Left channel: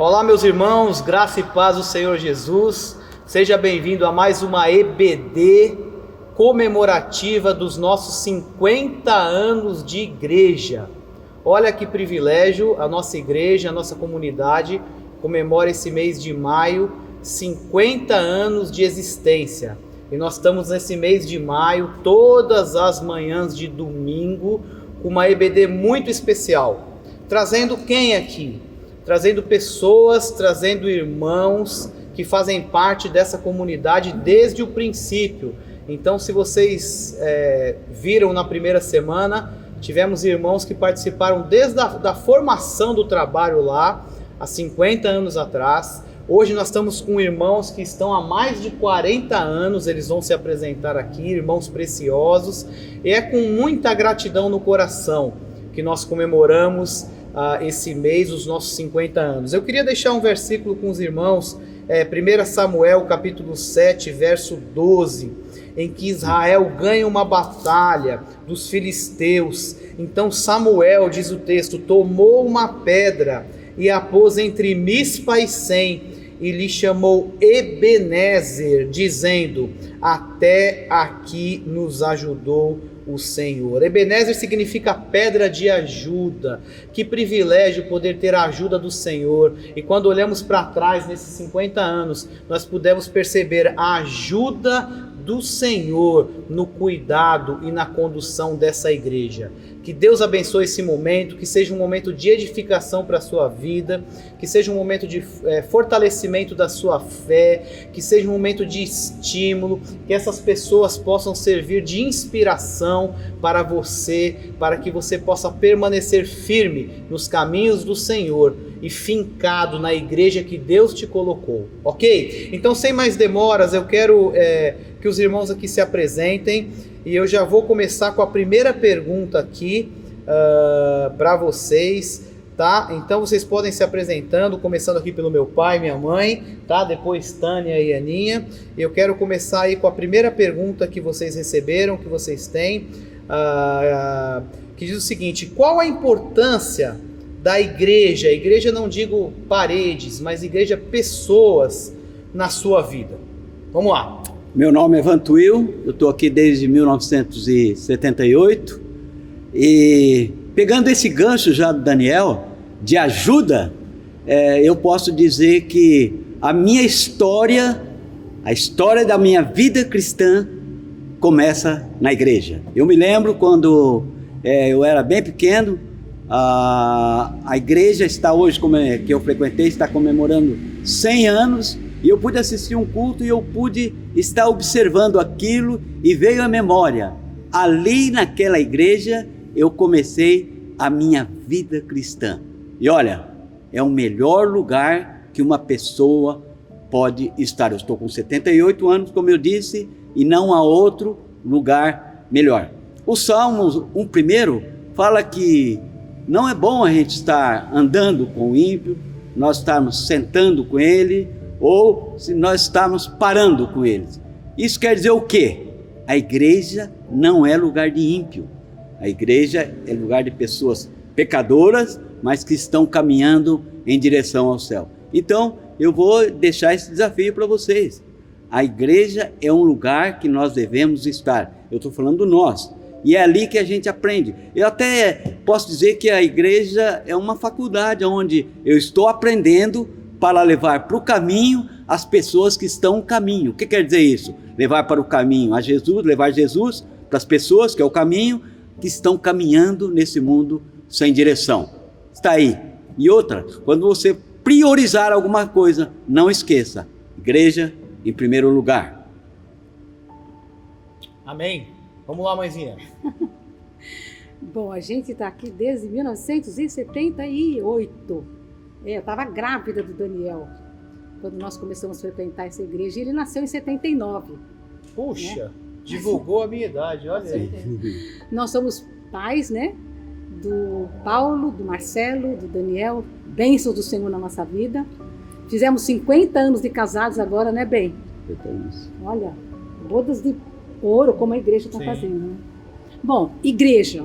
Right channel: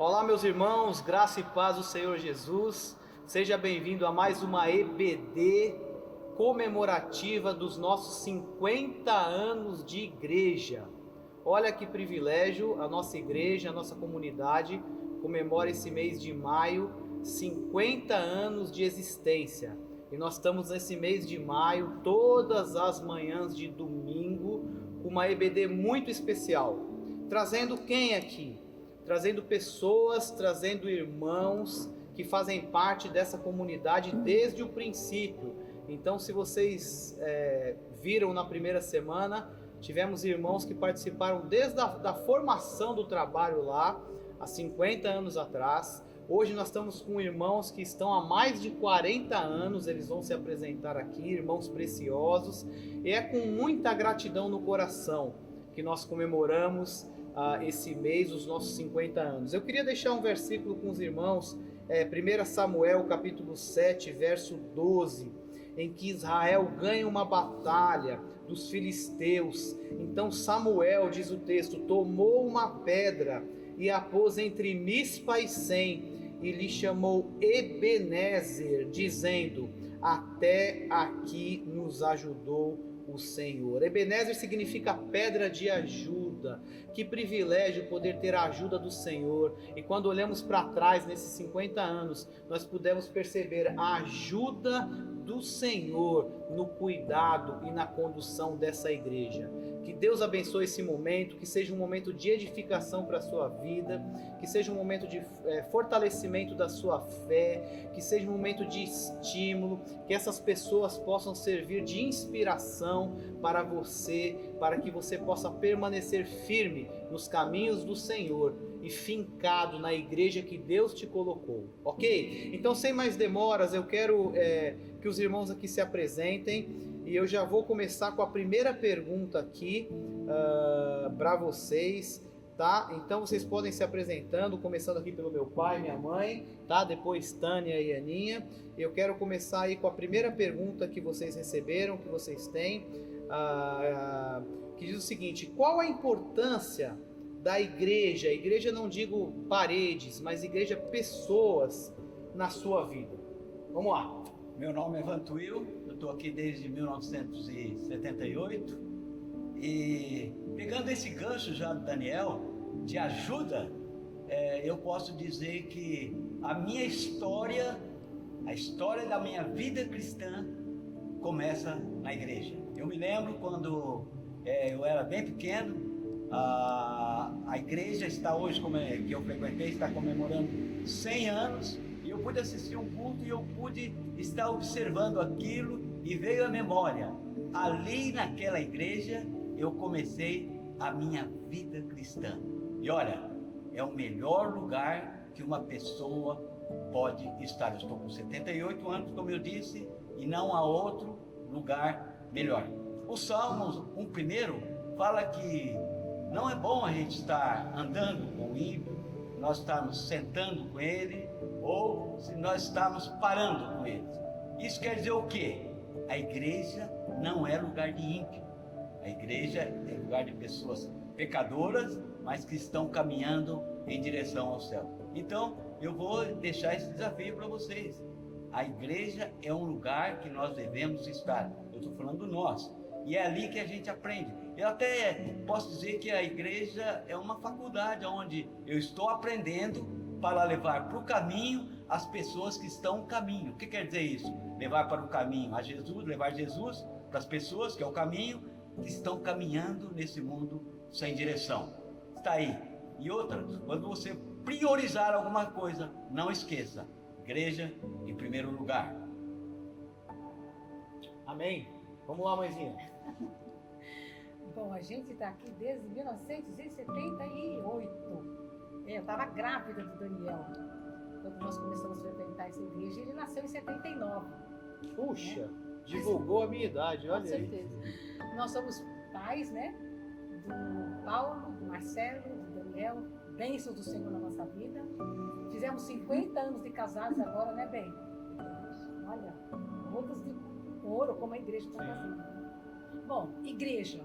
Olá, meus irmãos, graça e paz do Senhor Jesus. Seja bem-vindo a mais uma EBD comemorativa dos nossos 50 anos de igreja. Olha que privilégio, a nossa igreja, a nossa comunidade comemora esse mês de maio 50 anos de existência. E nós estamos nesse mês de maio, todas as manhãs de domingo, com uma EBD muito especial. Trazendo quem aqui? Trazendo pessoas, trazendo irmãos que fazem parte dessa comunidade desde o princípio. Então, se vocês viram na primeira semana, tivemos irmãos que participaram desde a formação do trabalho lá, há 50 anos atrás. Hoje nós estamos com irmãos que estão há mais de 40 anos, eles vão se apresentar aqui, irmãos preciosos. E é com muita gratidão no coração que nós comemoramos esse mês, os nossos 50 anos. Eu queria deixar um versículo com os irmãos, 1 Samuel capítulo 7, verso 12, em que Israel ganha uma batalha dos filisteus. Então Samuel, diz o texto, tomou uma pedra e a pôs entre Mispa e Sem, e lhe chamou Ebenezer, dizendo: até aqui nos ajudou o Senhor. Ebenezer significa pedra de ajuda. Que privilégio poder ter a ajuda do Senhor. E quando olhamos para trás nesses 50 anos, nós pudemos perceber a ajuda do Senhor no cuidado e na condução dessa igreja. Que Deus abençoe esse momento, que seja um momento de edificação para a sua vida, que seja um momento de fortalecimento da sua fé, que seja um momento de estímulo, que essas pessoas possam servir de inspiração para você, para que você possa permanecer firme nos caminhos do Senhor e fincado na igreja que Deus te colocou, ok? Então, sem mais demoras, eu quero que os irmãos aqui se apresentem. E eu já vou começar com a primeira pergunta aqui para vocês, tá? Então vocês podem se apresentando, começando aqui pelo meu pai, minha mãe, tá? Depois Tânia e Aninha. Eu quero começar aí com a primeira pergunta que vocês receberam, que vocês têm, que diz o seguinte: qual a importância da igreja? Igreja não digo paredes, mas igreja pessoas na sua vida. Vamos lá. Meu nome é Vantuil, eu estou aqui desde 1978 e pegando esse gancho já do Daniel, de ajuda, eu posso dizer que a minha história, a história da minha vida cristã começa na igreja. Eu me lembro quando eu era bem pequeno, a igreja está hoje, que eu frequentei, está comemorando 100 anos, e eu pude assistir um culto e eu pude estar observando aquilo e veio à memória. Ali naquela igreja eu comecei a minha vida cristã. E olha, é o melhor lugar que uma pessoa pode estar. Eu estou com 78 anos, como eu disse, e não há outro lugar melhor. O Salmos 1 fala que não é bom a gente estar andando com o ímpio, nós estarmos sentando com ele, ou se nós estamos parando com eles. Isso quer dizer o quê? A igreja não é lugar de ímpio. A igreja é lugar de pessoas pecadoras, mas que estão caminhando em direção ao céu. Então, eu vou deixar esse desafio para vocês. A igreja é um lugar que nós devemos estar. Eu estou falando nós. E é ali que a gente aprende. Eu até posso dizer que a igreja é uma faculdade onde eu estou aprendendo para levar para o caminho as pessoas que estão no caminho. O que quer dizer isso? Levar para o caminho a Jesus, levar Jesus para as pessoas, que é o caminho, que estão caminhando nesse mundo sem direção. Está aí. E outra, quando você priorizar alguma coisa, não esqueça, igreja em primeiro lugar. Amém. Vamos lá, mãezinha. Bom, a gente está aqui desde 1978. Eu estava grávida do Daniel quando nós começamos a frequentar essa igreja. Ele nasceu em 79. Puxa, né? divulgou a minha idade, olha aí. Nós somos pais, né? Do Paulo, do Marcelo, do Daniel. Bênçãos do Senhor na nossa vida. Fizemos 50 anos de casados agora, né, bem? Olha, bodas de ouro, como a igreja está fazendo, né? Bom, igreja.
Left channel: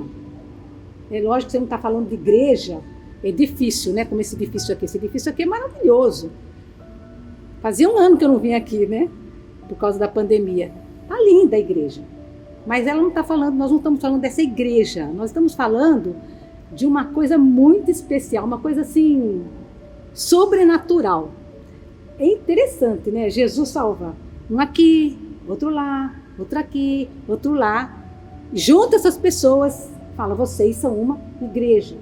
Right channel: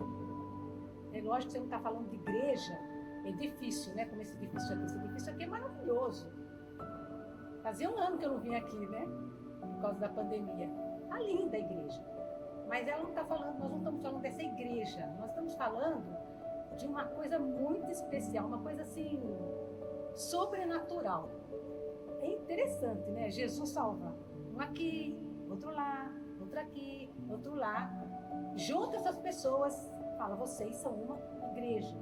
É lógico que você não está falando de igreja edifício, né? Como esse edifício aqui. Esse edifício aqui é maravilhoso. Fazia um ano que eu não vinha aqui, né? Por causa da pandemia. Tá linda a igreja. Mas ela não está falando, nós não estamos falando dessa igreja. Nós estamos falando de uma coisa muito especial, uma coisa assim, sobrenatural. É interessante, né? Jesus salva um aqui, outro lá, outro aqui, outro lá. Junta essas pessoas, fala, vocês são uma igreja.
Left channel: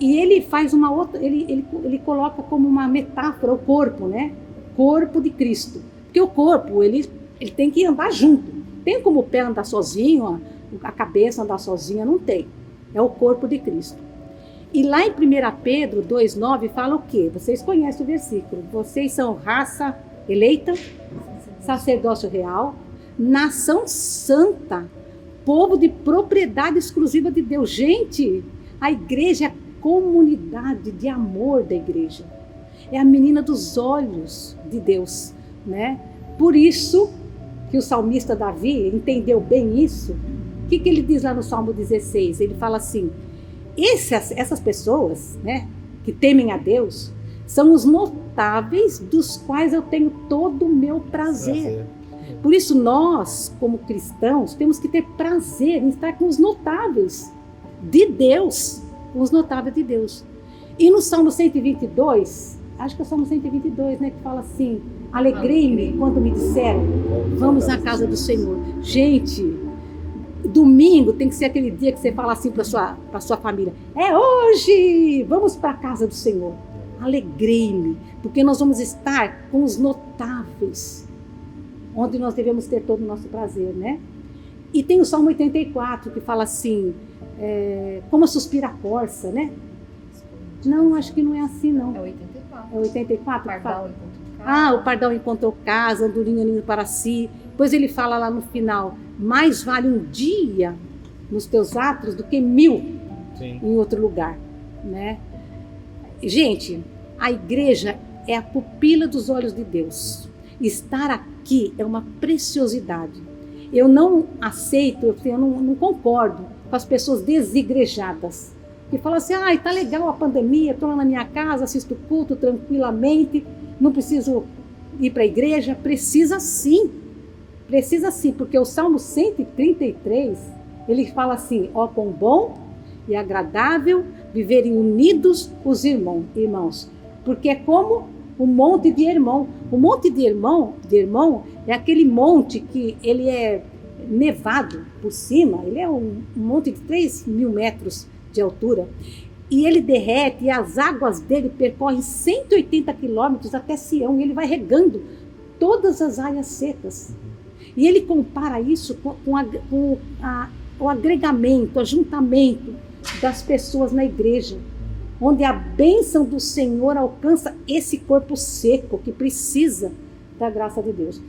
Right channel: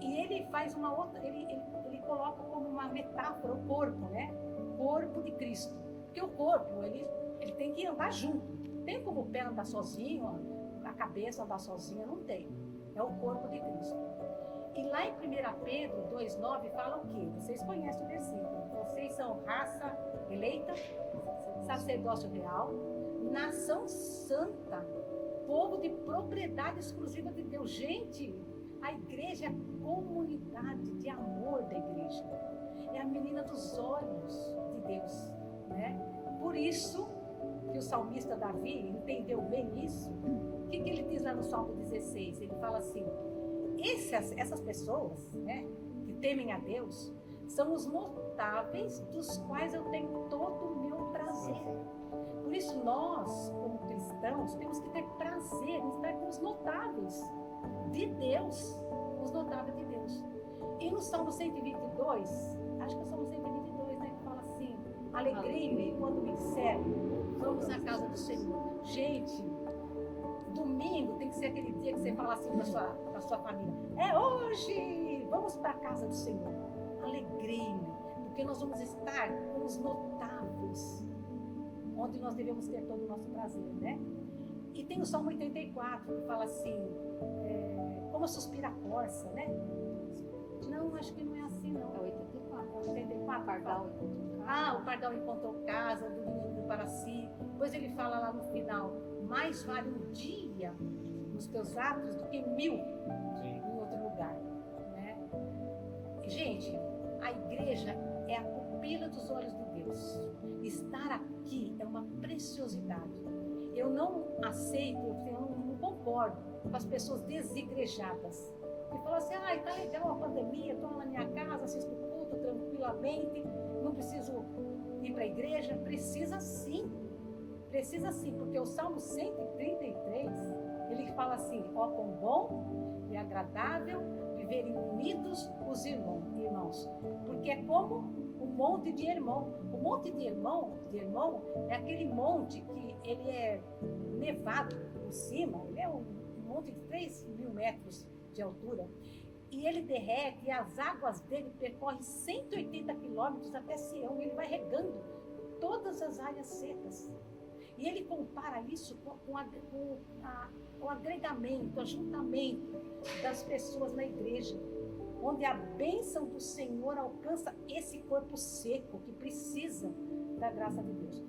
E ele faz uma outra, ele coloca como uma metáfora o corpo, né? Corpo de Cristo. Porque o corpo, ele tem que andar junto. Tem como o pé andar sozinho, a cabeça andar sozinha? Não tem. É o corpo de Cristo. E lá em 1 Pedro 2,9 fala o quê? Vocês conhecem o versículo. Vocês são raça eleita, sacerdócio real, nação santa, povo de propriedade exclusiva de Deus. Gente, a igreja é a comunidade de amor da igreja. É a menina dos olhos de Deus, né? Por isso que o salmista Davi entendeu bem isso. O que ele diz lá no Salmo 16? Ele fala assim, essas pessoas, né, que temem a Deus, são os notáveis dos quais eu tenho todo o meu prazer. Por isso nós, como cristãos, temos que ter prazer em estar com os notáveis de Deus. Os notáveis de Deus. E no Salmo 122, acho que é o Salmo 122, né, que fala assim, alegrei-me quando me disseram, vamos à casa do Senhor. Gente, domingo tem que ser aquele dia que você fala assim para sua família, é hoje, vamos para a casa do Senhor. Alegrei-me, porque nós vamos estar com os notáveis, onde nós devemos ter todo o nosso prazer, né? E tem o Salmo 84, que fala assim, como suspira a corça, né? Não, acho que não é assim, não. É 84. É 84? O pardal encontrou casa. Ah, o pardal encontrou casa, andorinha ninho para si. Depois ele fala lá no final, mais vale um dia nos teus atos do que 1000 Sim. em outro lugar, né? Gente, a igreja é a pupila dos olhos de Deus. Estar aqui é uma preciosidade. Eu não aceito, eu não concordo com as pessoas desigrejadas, que falam assim, tá legal a pandemia, estou lá na minha casa, assisto o culto tranquilamente, não preciso ir para a igreja. Precisa sim, porque o Salmo 133, ele fala assim, ó quão bom e agradável viverem unidos os irmãos, porque é como o monte de Hermon. O monte de Hermon é aquele monte que ele é nevado por cima, ele é um monte de 3.000 metros de altura, e ele derrete, e as águas dele percorrem 180 quilômetros até Sião, e ele vai regando todas as áreas secas. E ele compara isso com o agregamento, o ajuntamento das pessoas na igreja, onde a bênção do Senhor alcança esse corpo seco que precisa da graça de Deus.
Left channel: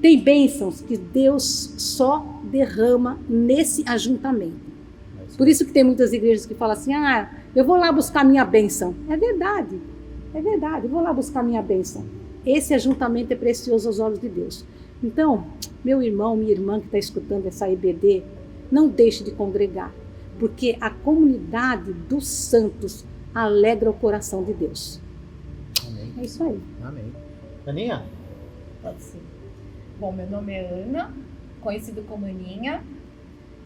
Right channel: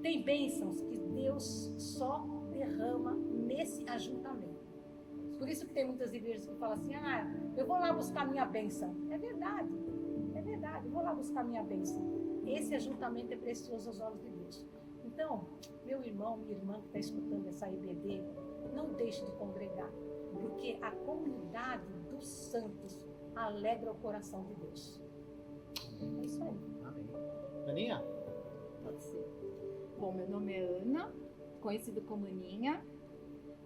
Tem bênçãos que Deus só derrama nesse ajuntamento. Por isso que tem muitas igrejas que falam assim, eu vou lá buscar minha bênção. É verdade, eu vou lá buscar minha bênção. Esse ajuntamento é precioso aos olhos de Deus. Então, meu irmão, minha irmã que está escutando essa EBD, não deixe de congregar, porque a comunidade dos santos alegra o coração de Deus. Amém. É isso aí. Amém. Aninha? Pode ser. Bom, meu nome é Ana, conhecido como Aninha,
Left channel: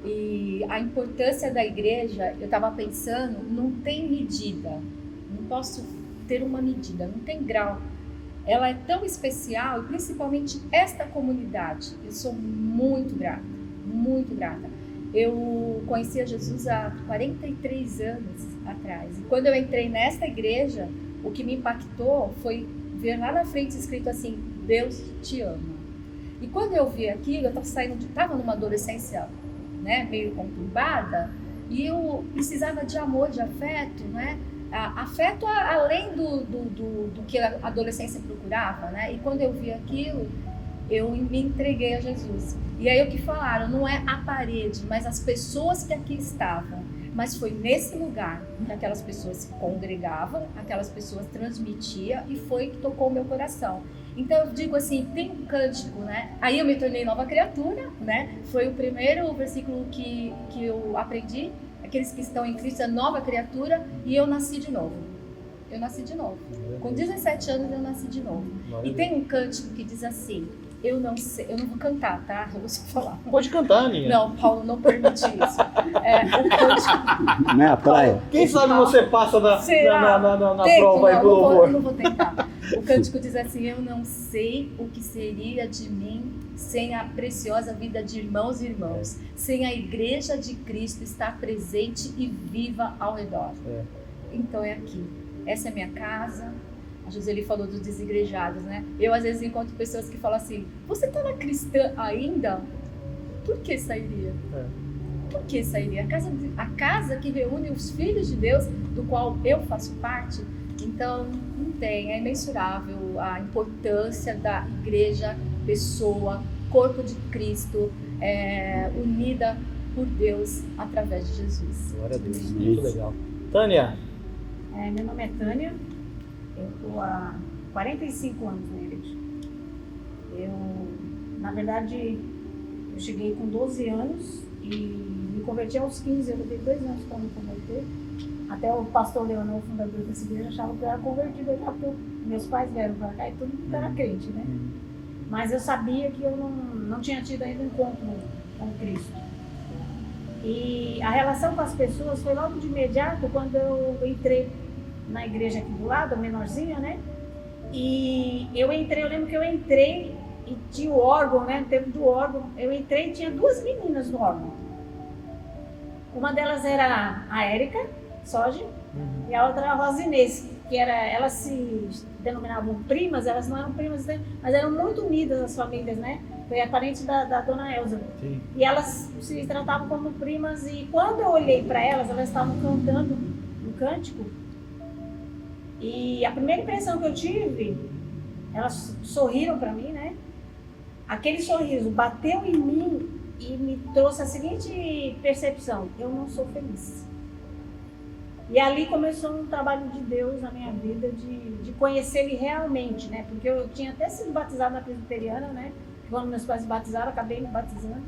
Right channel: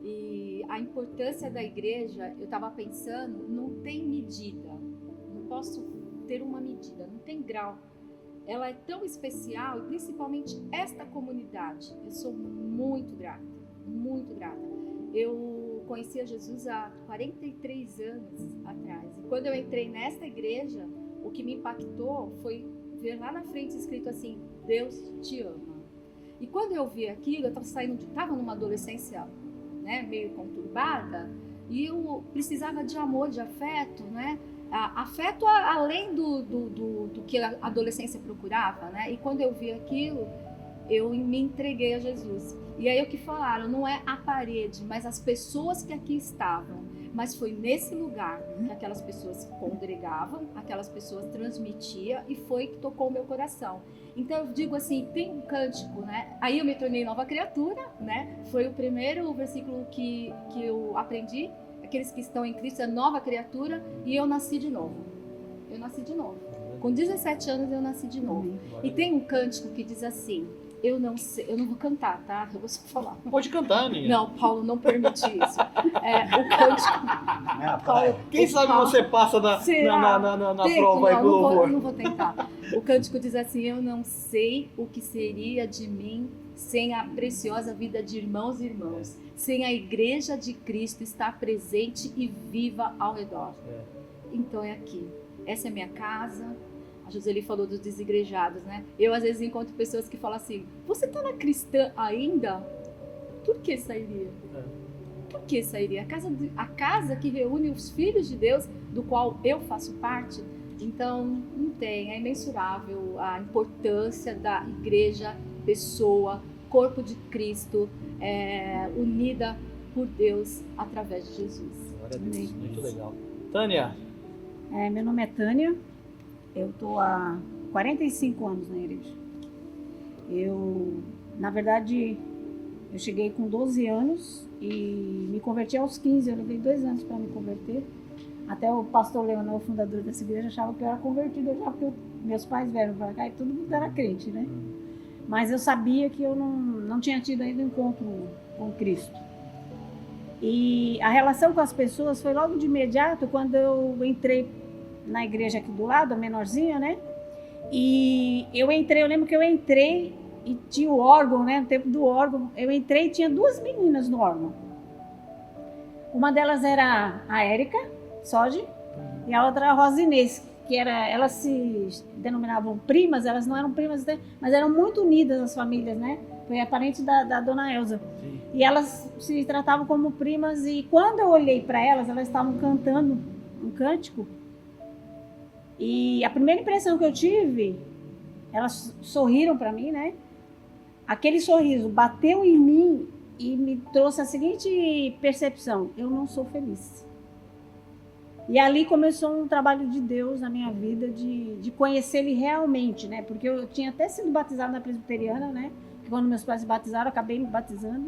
e a importância da igreja, eu estava pensando, não tem medida, não posso ter uma medida, não tem grau. Ela é tão especial, principalmente esta comunidade. Eu sou muito grata, muito grata. Eu conheci a Jesus há 43 anos atrás. E quando eu entrei nesta igreja, o que me impactou foi ver lá na frente escrito assim, Deus te ama. E quando eu vi aquilo, eu estava numa adolescência, né, meio conturbada, e eu precisava de amor, de afeto, né? Afeto além do que a adolescência procurava, né? E quando eu vi aquilo, eu me entreguei a Jesus. E aí o que falaram, não é a parede, mas as pessoas que aqui estavam. Mas foi nesse lugar que aquelas pessoas se congregavam, aquelas pessoas transmitiam, e foi que tocou o meu coração. Então eu digo assim, tem um cântico, né? Aí eu me tornei nova criatura, né? Foi o primeiro versículo que eu aprendi, Aqueles que estão em Cristo é nova criatura e eu nasci de novo. Eu nasci de novo. Com 17 anos eu nasci de novo. E tem um cântico que diz assim, eu não vou cantar, tá? Eu vou só falar. Pode cantar, Aninha. Não, Paulo não permite isso. O cântico... Não é a praia? Quem sabe você passa na prova aí pro louvor. Eu não vou tentar. O cântico diz assim, eu não sei o que seria de mim sem a preciosa vida de irmãos e irmãs, sem a igreja de Cristo estar presente e viva ao redor. Então é aqui. Essa é a minha casa. A Joseli falou dos desigrejados, né? Eu às vezes encontro pessoas que falam assim, você tá na cristã ainda? Por que sairia? Por que sairia? A casa que reúne os filhos de Deus, do qual eu faço parte. Então, não tem, é imensurável a importância da igreja, pessoa, corpo de Cristo, unida por Deus através de Jesus. Glória a Deus, muito legal. Tânia? Meu nome é Tânia, eu estou há 45 anos na igreja. Na verdade, eu cheguei com 12 anos e me converti aos 15, eu levei 2 anos para me converter. Até o pastor Leonel, o fundador dessa igreja, achava que eu era convertida já, porque meus pais vieram para cá e todo mundo era crente, né? Mas eu sabia que eu não tinha tido ainda um encontro com Cristo. E a relação com as pessoas foi logo de imediato, quando eu entrei na igreja aqui do lado, a menorzinha, né? E eu lembro que eu entrei e tinha o órgão, né? No tempo do órgão, eu entrei e tinha 2 meninas no órgão. Uma delas era a Érica Soge, e a outra a Rosa Inês, que elas se denominavam primas, elas não eram primas, né? Mas eram muito unidas as famílias, né? Foi a parente da dona Elza. E elas se tratavam como primas, e quando eu olhei para elas estavam cantando um cântico. E a primeira impressão que eu tive, elas sorriram para mim, né? Aquele sorriso bateu em mim e me trouxe a seguinte percepção: eu não sou feliz. E ali começou um trabalho de Deus na minha vida, de conhecer Ele realmente, né? Porque eu tinha até sido batizada na presbiteriana, né? Quando meus pais se batizaram, eu acabei me batizando.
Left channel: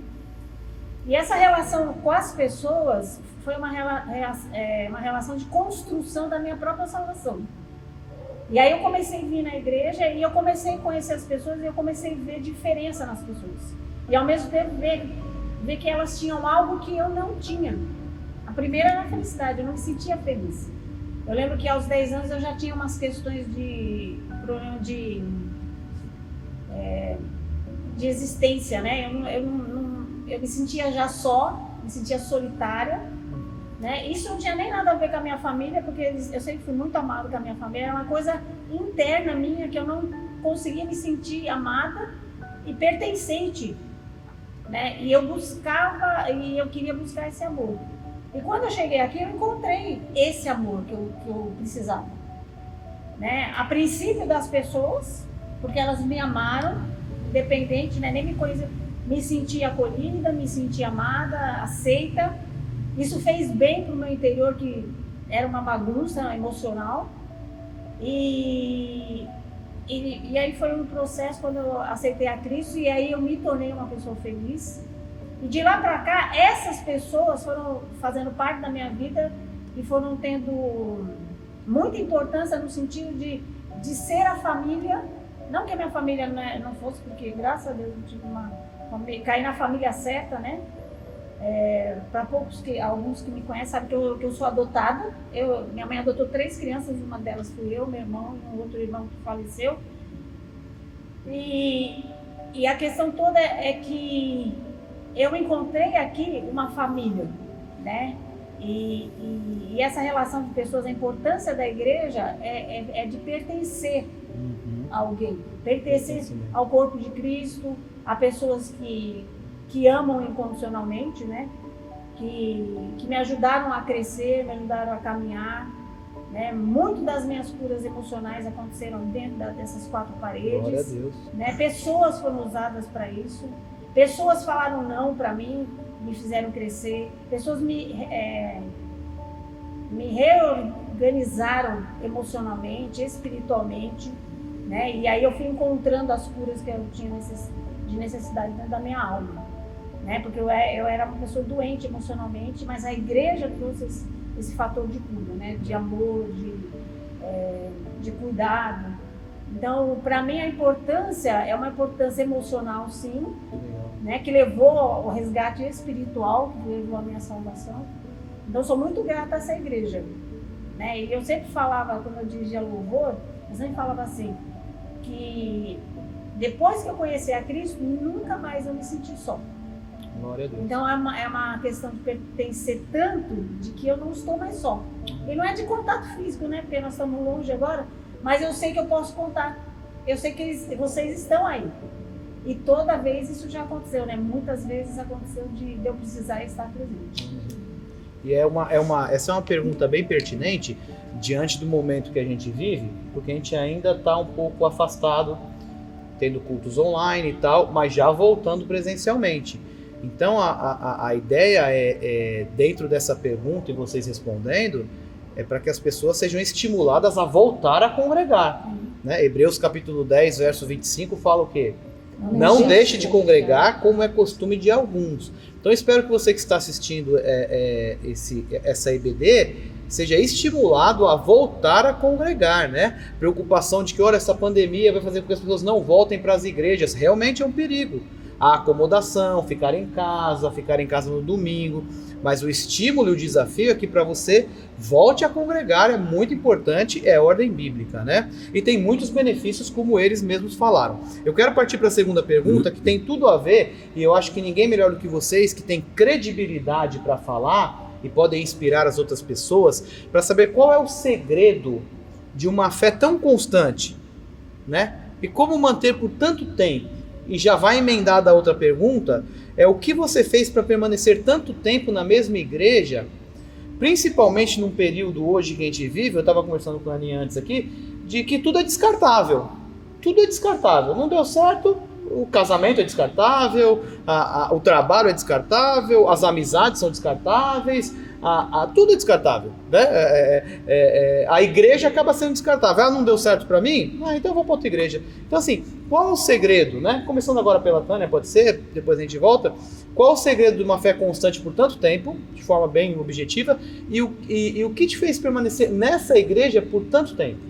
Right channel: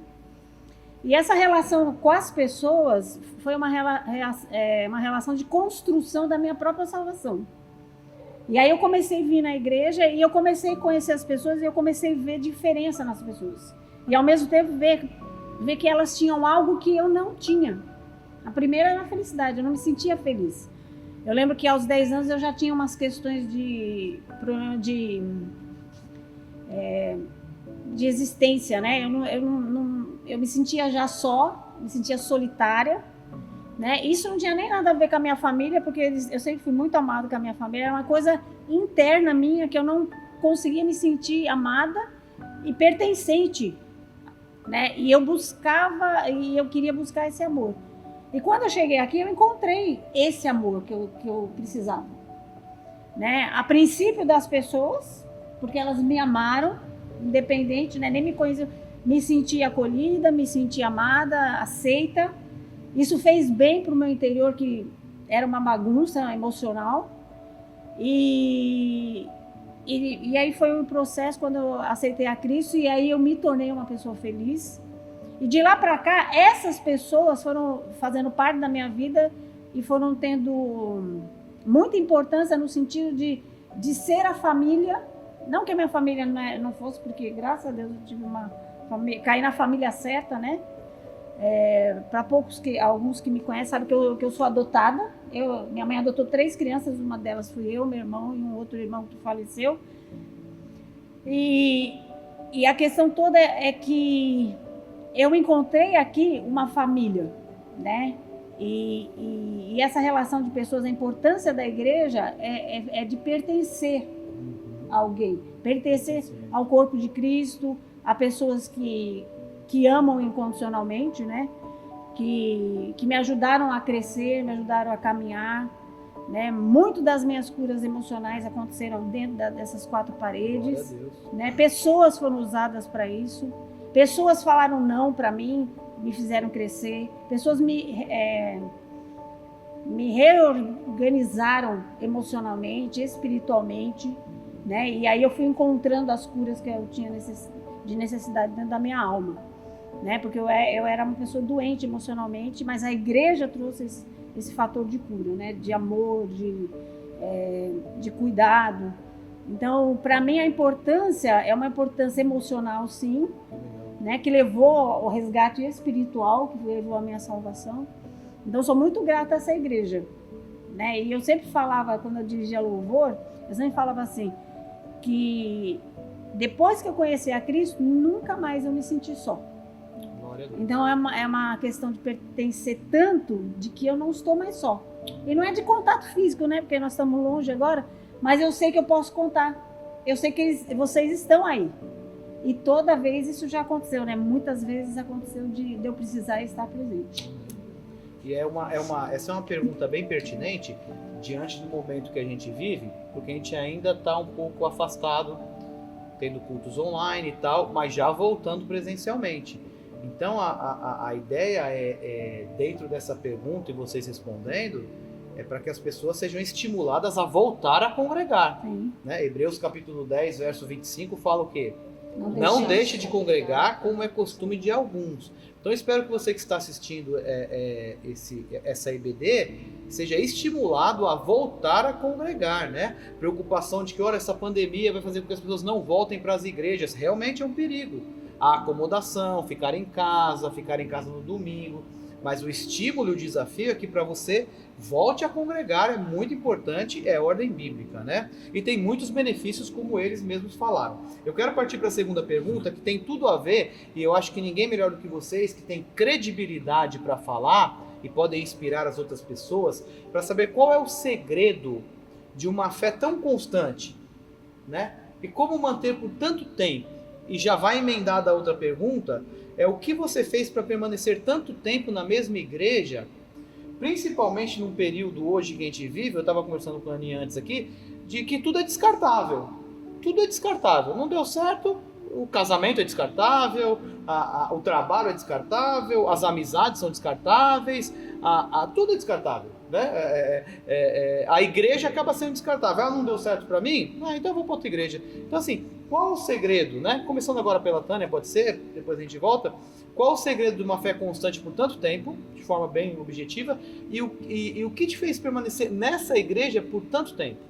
E essa relação com as pessoas foi uma relação de construção da minha própria salvação. E aí eu comecei a vir na igreja e eu comecei a conhecer as pessoas e eu comecei a ver diferença nas pessoas. E ao mesmo tempo ver que elas tinham algo que eu não tinha. A primeira era a felicidade, eu não me sentia feliz. Eu lembro que aos 10 anos eu já tinha umas questões de problema de existência, né? Eu me sentia já só, me sentia solitária, né? Isso não tinha nem nada a ver com a minha família, porque eu sempre fui muito amada com a minha família, era uma coisa interna minha que eu não conseguia me sentir amada e pertencente, né? E eu queria buscar esse amor. E quando eu cheguei aqui, eu encontrei esse amor que eu precisava, né? A princípio das pessoas, porque elas me amaram, independente, né? Nem me conheciam, me senti acolhida, me senti amada, aceita. Isso fez bem para o meu interior, que era uma bagunça emocional. E aí foi um processo quando eu aceitei a Cristo, e aí eu me tornei uma pessoa feliz. E de lá para cá, essas pessoas foram fazendo parte da minha vida e foram tendo muita importância no sentido de ser a família. Não que a minha família não fosse, porque graças a Deus eu tive caí na família certa, né? Para alguns que me conhecem sabem que eu sou adotada. Minha mãe adotou 3 crianças, uma delas fui eu, meu irmão e um outro irmão que faleceu. E a questão toda é que eu encontrei aqui uma família, né? E essa relação de pessoas, a importância da igreja é de pertencer a alguém, pertencer ao corpo de Cristo, a pessoas que amam incondicionalmente, né? Que me ajudaram a crescer, me ajudaram a caminhar, né? Muito das minhas curas emocionais aconteceram dentro dessas 4 paredes. Glória a Deus. Né? Pessoas foram usadas para isso, pessoas falaram não para mim, me fizeram crescer, pessoas me reorganizaram emocionalmente, espiritualmente, né? E aí eu fui encontrando as curas que eu tinha de necessidade dentro da minha alma. né? Porque eu era uma pessoa doente emocionalmente, mas a igreja trouxe esse fator de cura, né? De amor, de cuidado. Então, para mim, a importância é uma importância emocional, sim, né? Que levou ao resgate espiritual, que levou à minha salvação. Então, eu sou muito grata a essa igreja, né? E eu sempre falava, quando eu dirigia louvor, eu sempre falava assim, que depois que eu conheci a Cristo, nunca mais eu me senti só. Glória a Deus. Então é uma questão de pertencer tanto de que eu não estou mais só. E não é de contato físico, né? Porque nós estamos longe agora, mas eu sei que eu posso contar. Eu sei que vocês estão aí. E toda vez isso já aconteceu, né? Muitas vezes aconteceu de eu precisar estar presente. E essa é uma pergunta bem pertinente diante do momento que a gente vive, porque a gente ainda está um pouco afastado, tendo cultos online e tal, mas já voltando presencialmente. Então a ideia dentro dessa pergunta e vocês respondendo, é para que as pessoas sejam estimuladas a voltar a congregar. Né? Hebreus capítulo 10, verso 25 fala o quê? Não deixe de congregar como é costume de alguns. Então eu espero que você que está assistindo essa EBD seja estimulado a voltar a congregar, né? Preocupação de que, olha, essa pandemia vai fazer com que as pessoas não voltem para as igrejas. Realmente é um perigo. A acomodação, ficar em casa no domingo. Mas o estímulo e o desafio é que para você volte a congregar, é muito importante, é ordem bíblica, né? E tem muitos benefícios, como eles mesmos falaram. Eu quero partir para a segunda pergunta, que tem tudo a ver, e eu acho que ninguém melhor do que vocês, que tem credibilidade para falar e podem inspirar as outras pessoas, para saber qual é o segredo de uma fé tão constante, né? E como manter por tanto tempo. E já vai emendar da outra pergunta, é o que você fez para permanecer tanto tempo na mesma igreja, principalmente num período hoje que a gente vive, eu estava conversando com a Aninha antes aqui, de que tudo é descartável. Tudo é descartável. Não deu certo, o casamento é descartável, o trabalho é descartável, as amizades são descartáveis, tudo é descartável, né? A igreja acaba sendo descartável. Não deu certo para mim? Então eu vou para outra igreja. Então assim, qual é o segredo, né? Começando agora pela Tânia, pode ser, depois a gente volta. Qual é o segredo de uma fé constante por tanto tempo, de forma bem objetiva, e o que te fez permanecer nessa igreja por tanto tempo?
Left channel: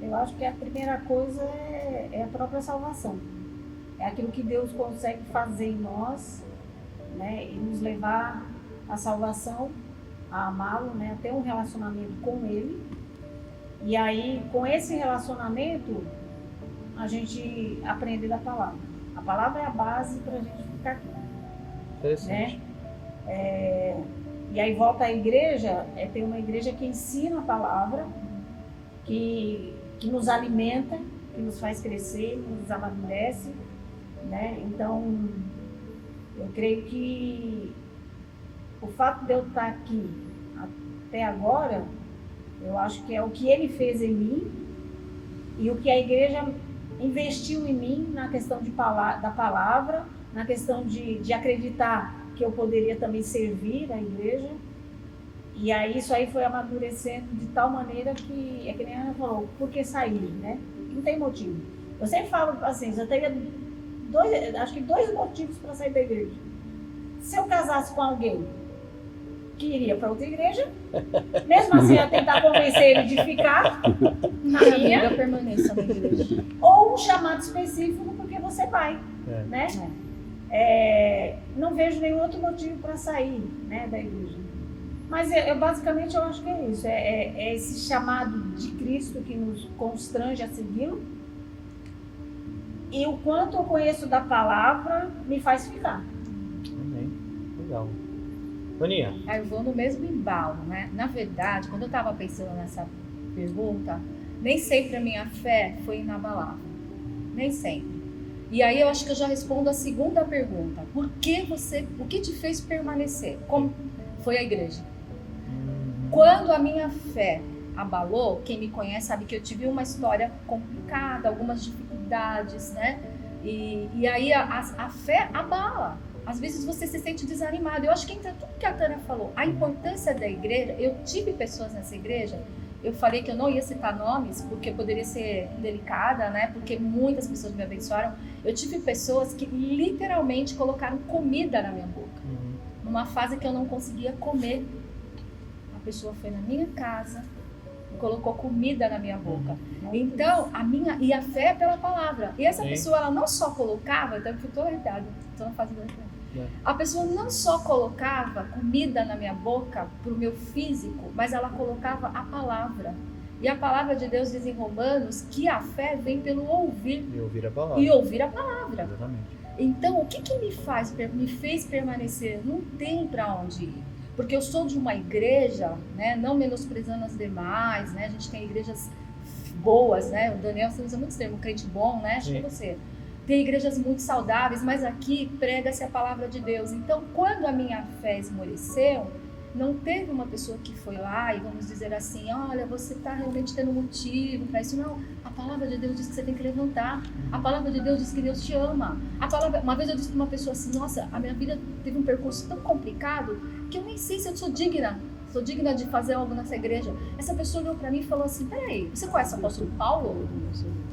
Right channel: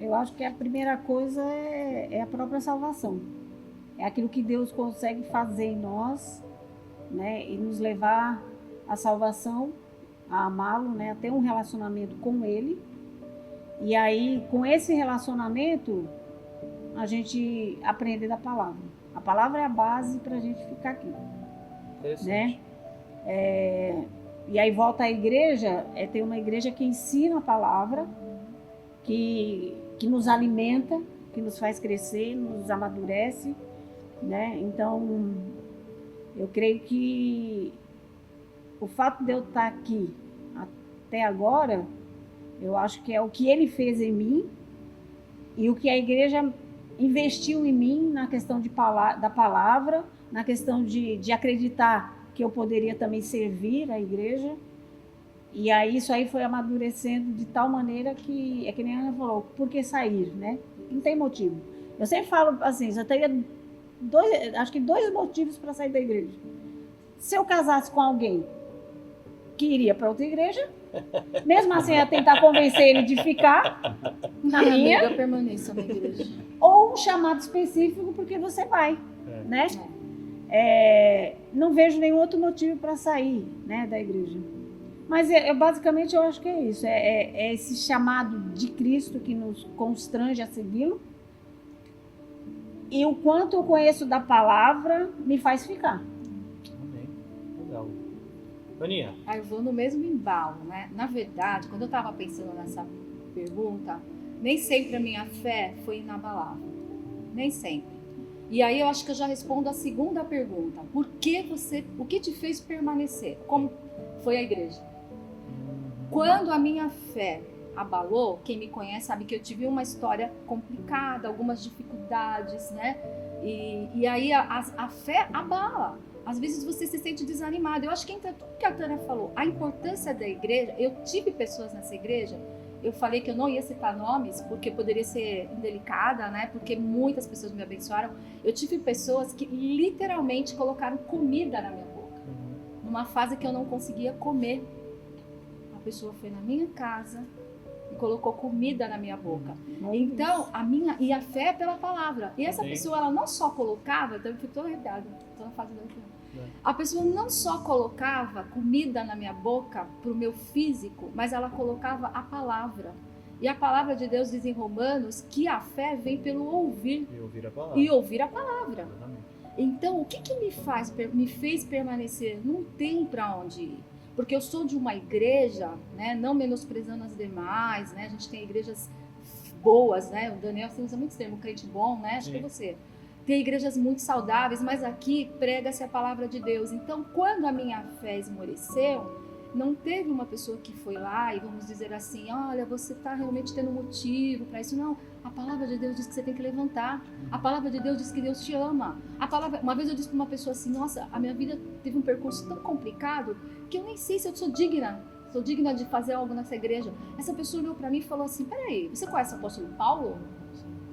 Eu acho que a primeira coisa é a própria salvação. É aquilo que Deus consegue fazer em nós, né? E nos levar à salvação, a amá-lo, né? A ter um relacionamento com Ele. E aí, com esse relacionamento, a gente aprende da palavra. A palavra é a base para a gente ficar aqui. Né? E aí volta à igreja, é ter uma igreja que ensina a palavra, que nos alimenta, que nos faz crescer, nos amadurece, né? Então, eu creio que o fato de eu estar aqui até agora, eu acho que é o que Ele fez em mim e o que a igreja investiu em mim na questão da palavra, na questão de acreditar que eu poderia também servir a igreja. E aí isso aí foi amadurecendo de tal maneira que, é que nem a Ana falou, por que sair, né? Não tem motivo. Eu sempre falo assim, eu teria dois motivos para sair da igreja. Se eu casasse com alguém que iria para outra igreja, mesmo assim eu ia tentar convencer ele de ficar na minha, eu permaneço na igreja. Ou um chamado específico porque você vai, né? Não vejo nenhum outro motivo para sair, né, da igreja. Mas basicamente eu acho que é isso, é esse chamado de Cristo que nos constrange a segui-lo, e o quanto eu conheço da palavra me faz ficar. Amém. Legal. Aninha? Eu vou no mesmo embalo, né? Na verdade, quando eu estava pensando nessa pergunta, nem sempre a minha fé foi inabalável. Nem sempre. E aí eu acho que eu já respondo a segunda pergunta. O que te fez permanecer? Como foi a igreja? Quando a minha fé abalou, quem me conhece sabe que eu tive uma história complicada, algumas dificuldades, né? E aí a fé abala. Às vezes você se sente desanimado. Eu acho que entra tudo que a Tânia falou. A importância da igreja, eu tive pessoas nessa igreja eu falei que eu não ia citar nomes, porque poderia ser indelicada, né? Porque muitas pessoas me abençoaram. Eu tive pessoas que literalmente colocaram comida na minha boca. Numa fase que eu não conseguia comer. A pessoa foi na minha casa e colocou comida na minha boca. Então, a fé é pela palavra. E essa pessoa, ela não só colocava, então eu fico toda arrepiada, estou na fase do A pessoa não só colocava comida na minha boca para o meu físico, mas ela colocava a palavra. E a palavra de Deus diz em Romanos que a fé vem pelo ouvir. E ouvir a palavra. E ouvir a palavra. Exatamente. Então, o que me fez permanecer? Não tem para onde ir. Porque eu sou de uma igreja, né, não menosprezando as demais, né? A gente tem igrejas boas, né? O Daniel, você usa muito esse termo, crente bom, né? Acho que é você. Tem igrejas muito saudáveis, mas aqui prega-se a palavra de Deus. Então, quando a minha fé esmoreceu, não teve uma pessoa que foi lá e vamos dizer assim, olha, você está realmente tendo motivo para isso. Não, a palavra de Deus diz que você tem que levantar. A palavra de Deus diz que Deus te ama. Uma vez eu disse para uma pessoa assim, nossa, a minha vida teve um percurso tão complicado que eu nem sei se eu sou digna de fazer algo nessa igreja. Essa pessoa olhou para mim e falou assim, peraí, você conhece o apóstolo Paulo?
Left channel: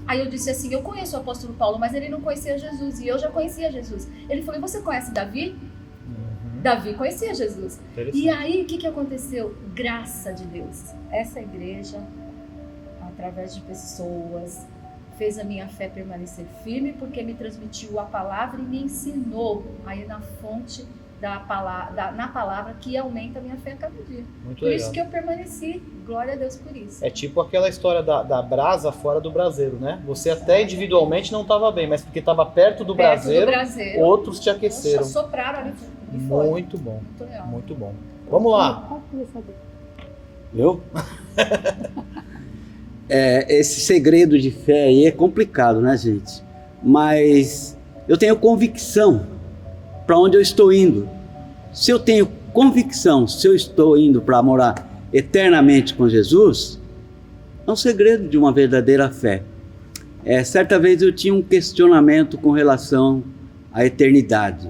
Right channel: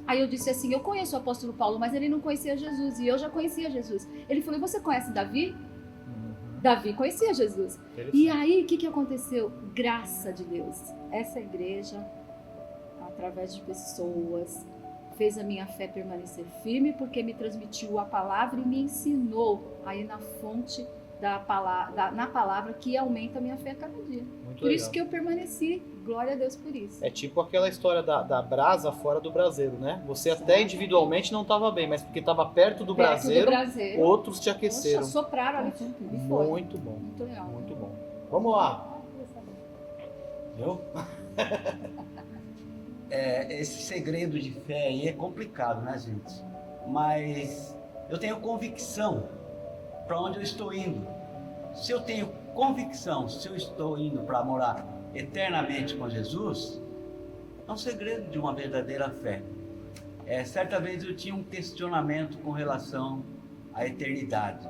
Aí eu disse assim, eu conheço o apóstolo Paulo, mas ele não conhecia Jesus, e eu já conhecia Jesus. Ele falou, e você conhece Davi? Davi conhecia Jesus. E aí, o que aconteceu? Graça de Deus. Essa igreja, através de pessoas, fez a minha fé permanecer firme, porque me transmitiu a palavra e me ensinou a ir na fonte na palavra que aumenta a minha fé a cada dia. Muito legal. Isso que eu permaneci, glória a Deus por isso. É tipo aquela história da brasa fora do braseiro, né? Você até individualmente não estava bem, mas porque estava perto do braseiro, outros te aqueceram. Sopraram ali e foi. Muito bom. Muito legal. Muito bom. Vamos lá. Eu? Esse segredo de fé aí é complicado, né, gente? Mas eu tenho convicção para onde eu estou indo. Se eu tenho convicção, se eu estou indo para morar eternamente com Jesus, é um segredo de uma verdadeira fé. Certa vez eu tinha um questionamento com relação à eternidade.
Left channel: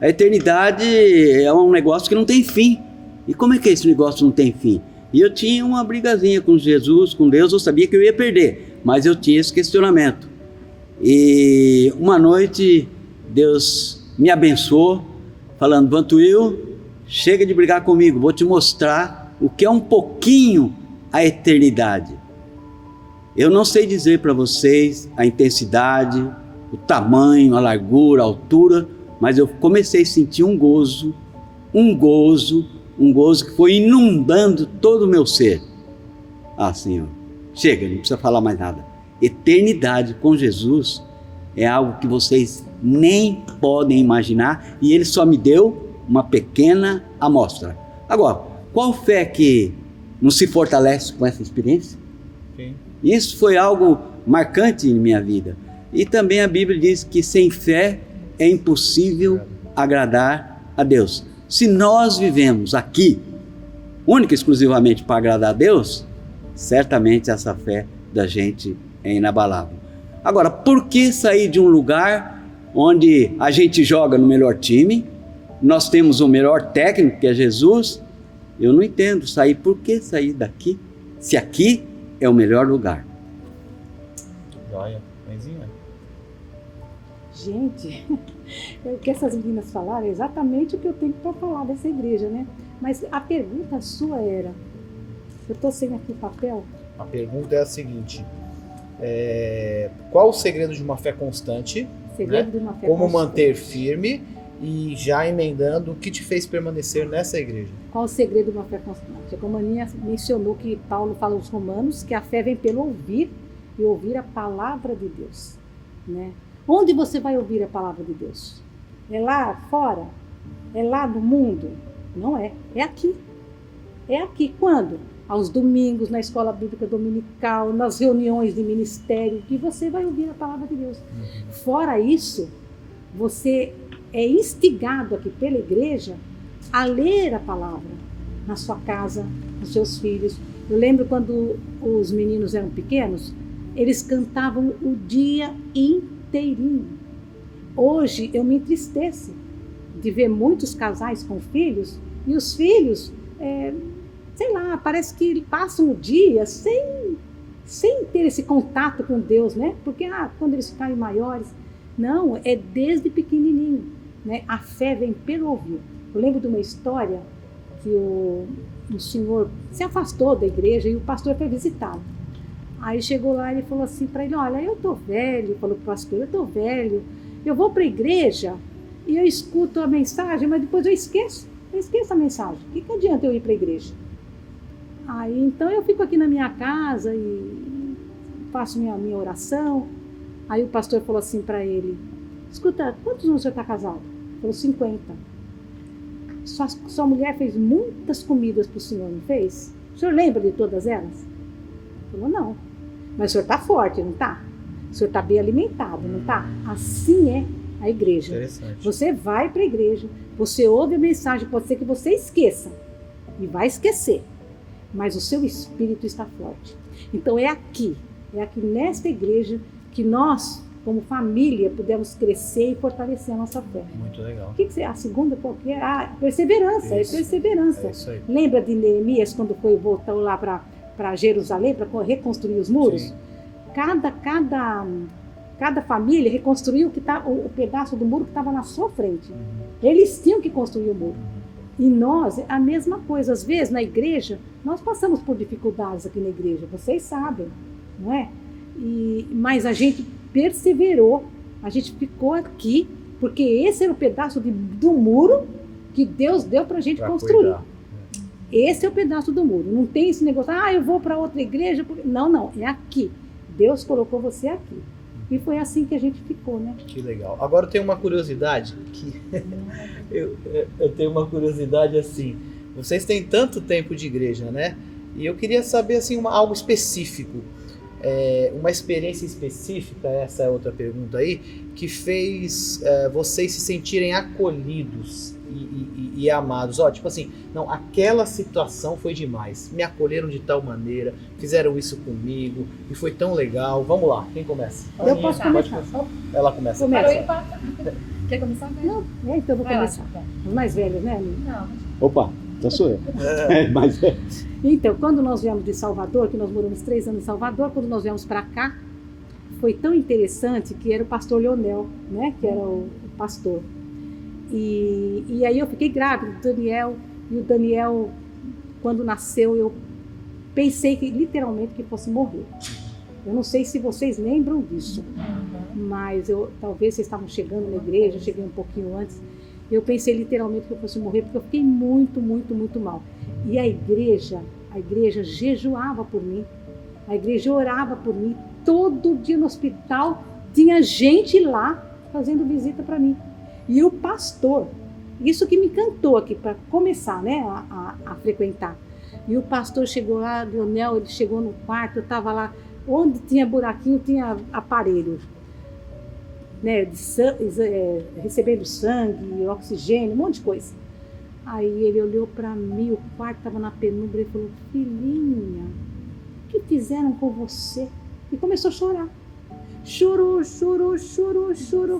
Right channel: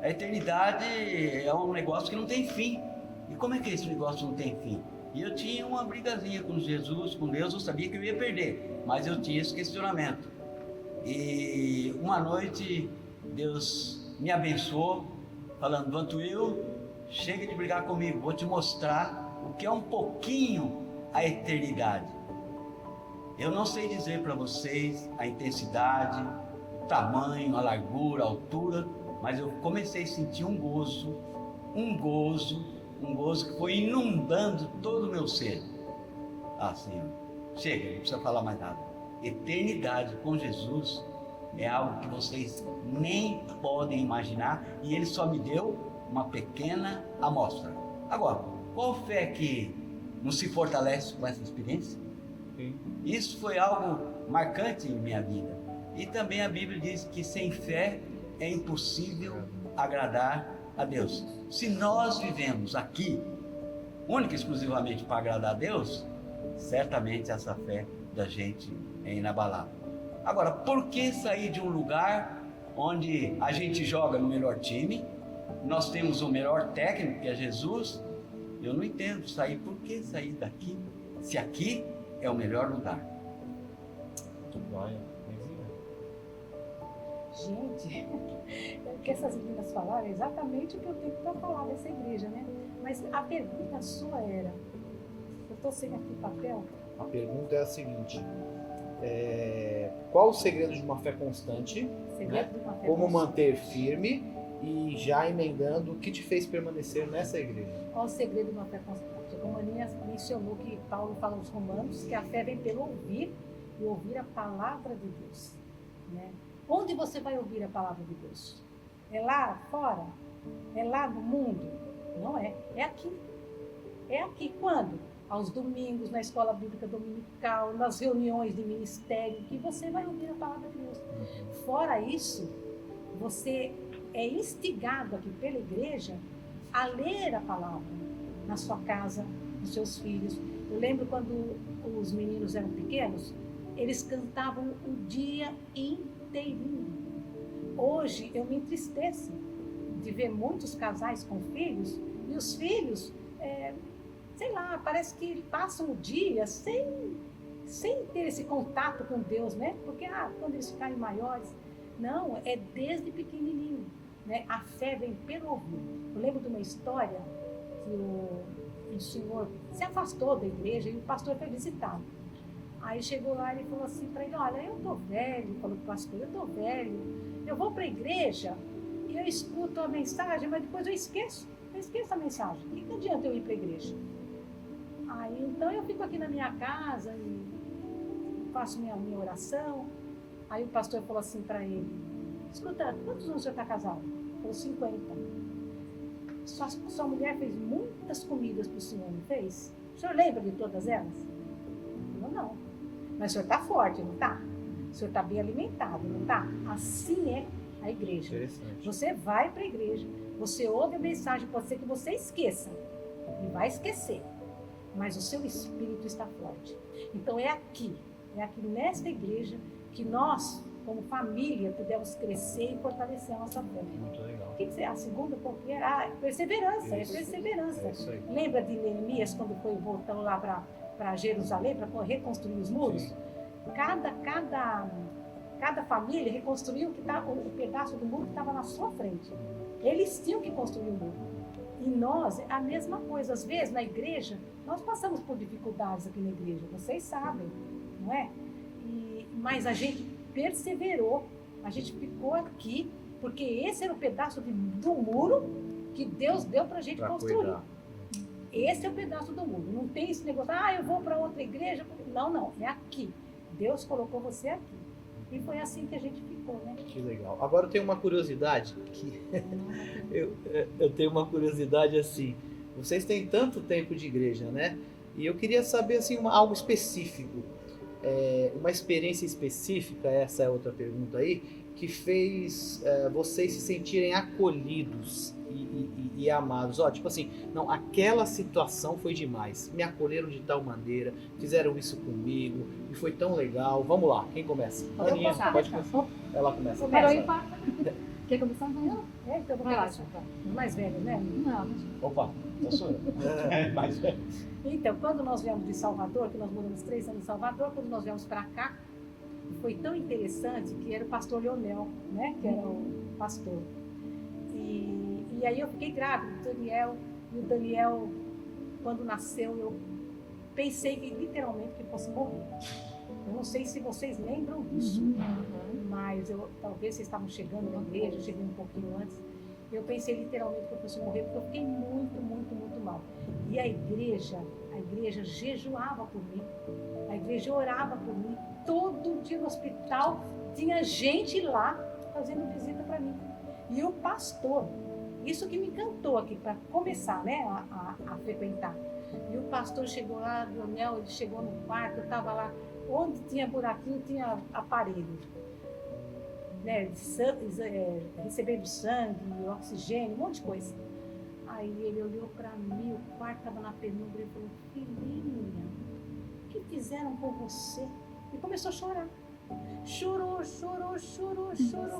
A eternidade é um negócio que não tem fim. E como é que esse negócio não tem fim? E eu tinha uma brigazinha com Jesus, com Deus, eu sabia que eu ia perder, mas eu tinha esse questionamento. E uma noite Deus me abençoou, falando, Vantuil, chega de brigar comigo, vou te mostrar o que é um pouquinho a eternidade. Eu não sei dizer para vocês a intensidade, o tamanho, a largura, a altura, mas eu comecei a sentir um gozo que foi inundando todo o meu ser. Senhor, chega, não precisa falar mais nada. Eternidade com Jesus é algo que vocês nem podem imaginar, e Ele só me deu uma pequena amostra. Agora, qual fé que não se fortalece com essa experiência? Sim. Isso foi algo marcante em minha vida. E também a Bíblia diz que sem fé é impossível agradar a Deus. Se nós vivemos aqui, única e exclusivamente para agradar a Deus, certamente essa fé da gente é inabalável. Agora, por que sair de um lugar onde a gente joga no melhor time, nós temos o melhor técnico, que é Jesus? Eu não entendo por que sair daqui, se aqui é o melhor lugar. Gente, o que essas meninas falaram é exatamente o que eu tenho para falar dessa igreja, né? Mas a pergunta sua era, eu estou sem aqui papel. A pergunta é a seguinte, qual o segredo de uma fé constante? Segredo de uma fé Como constante. manter firme e já emendando o que te fez permanecer nessa igreja? Qual o segredo de uma fé constante? Como a Aninha mencionou que Paulo fala aos Romanos, que a fé vem pelo ouvir e ouvir a palavra de Deus, né? Onde você vai ouvir a palavra de Deus? É lá fora? É lá no mundo? Não é. É aqui. É aqui. Quando? Aos domingos, na escola bíblica dominical, nas reuniões de ministério, que você vai ouvir a palavra de Deus. Fora isso, você é instigado aqui pela igreja a ler a palavra na sua casa, nos seus filhos. Eu lembro quando os meninos eram pequenos, eles cantavam o dia inteirinho. Hoje eu me entristeço de ver muitos casais com filhos e os filhos, parece que passam o dia sem ter esse contato com Deus, né? Porque quando eles ficarem maiores, não, é desde pequenininho, né? A fé vem pelo ouvir. Eu lembro de uma história que o senhor se afastou da igreja e o pastor foi visitá-lo. Aí chegou lá e ele falou assim para ele, olha, eu tô velho, falou pro pastor, eu tô velho, eu vou para a igreja e eu escuto a mensagem, mas depois eu esqueço a mensagem. O que adianta eu ir para a igreja? Aí então eu fico aqui na minha casa e faço minha oração. Aí o pastor falou assim para ele, escuta, quantos anos você está casado? Ele falou, 50. Sua mulher fez muitas comidas para o senhor, não fez? O senhor lembra de todas elas? Ele falou, não. Mas o senhor está forte, não está? O senhor está bem alimentado, não está? Assim é a igreja. Você vai para a igreja, você ouve a mensagem, pode ser que você esqueça, e vai esquecer, mas o seu espírito está forte. Então é aqui nesta igreja que nós, como família, podemos crescer e fortalecer a nossa fé. Muito legal. O que você, a segunda qual que é? Perseverança, Isso. é perseverança. É isso aí. Lembra de Neemias quando voltou lá para Jerusalém para reconstruir os muros? Sim. Cada família reconstruiu o pedaço do muro que estava na sua frente. Eles tinham que construir o muro. E nós, a mesma coisa. Às vezes, na igreja, nós passamos por dificuldades aqui na igreja. Vocês sabem, não é? Mas a gente perseverou. A gente ficou aqui, porque esse era o pedaço do muro que Deus deu para a gente construir. Cuidar. Esse é o pedaço do muro. Não tem esse negócio, eu vou para outra igreja. Não, é aqui. Deus colocou você aqui. E foi assim que a gente ficou, né? Que legal. Agora eu tenho uma curiosidade que eu tenho uma curiosidade assim. Vocês têm tanto tempo de igreja, né? E eu queria saber assim algo específico, uma experiência específica, essa é outra pergunta aí, que fez vocês se sentirem acolhidos e amados. Tipo assim, não, aquela situação foi demais. Me acolheram de tal maneira, fizeram isso comigo e foi tão legal. Vamos lá, quem começa? Eu posso Pode começar. começar. Ela começa. Começa. Quer começar? Não, então eu vou Vai lá. começar. Os mais velhos, né? Não. Opa, então sou eu. Mas Então, quando nós viemos de Salvador, que nós moramos 3 anos em Salvador, quando nós viemos para cá, foi tão interessante que era o pastor Leonel, né? Que era o pastor. E aí eu fiquei grávida do Daniel, e o Daniel, quando nasceu, eu pensei que literalmente que fosse morrer. Eu não sei se vocês lembram disso, mas talvez vocês estavam chegando na igreja, eu cheguei um pouquinho antes. Eu pensei literalmente que eu fosse morrer, porque eu fiquei muito, muito, muito mal. E a igreja jejuava por mim, a igreja orava por mim. Todo dia no hospital tinha gente lá fazendo visita para mim. E o pastor, isso que me encantou aqui para começar, né, a frequentar. E o pastor chegou lá, Leonel, ele chegou no quarto, eu estava lá, onde tinha buraquinho tinha aparelho, né, recebendo sangue, oxigênio, um monte de coisa. Aí ele olhou para mim, o quarto estava na penumbra, e falou, filhinha, o que fizeram com você? E começou a chorar. Chorou.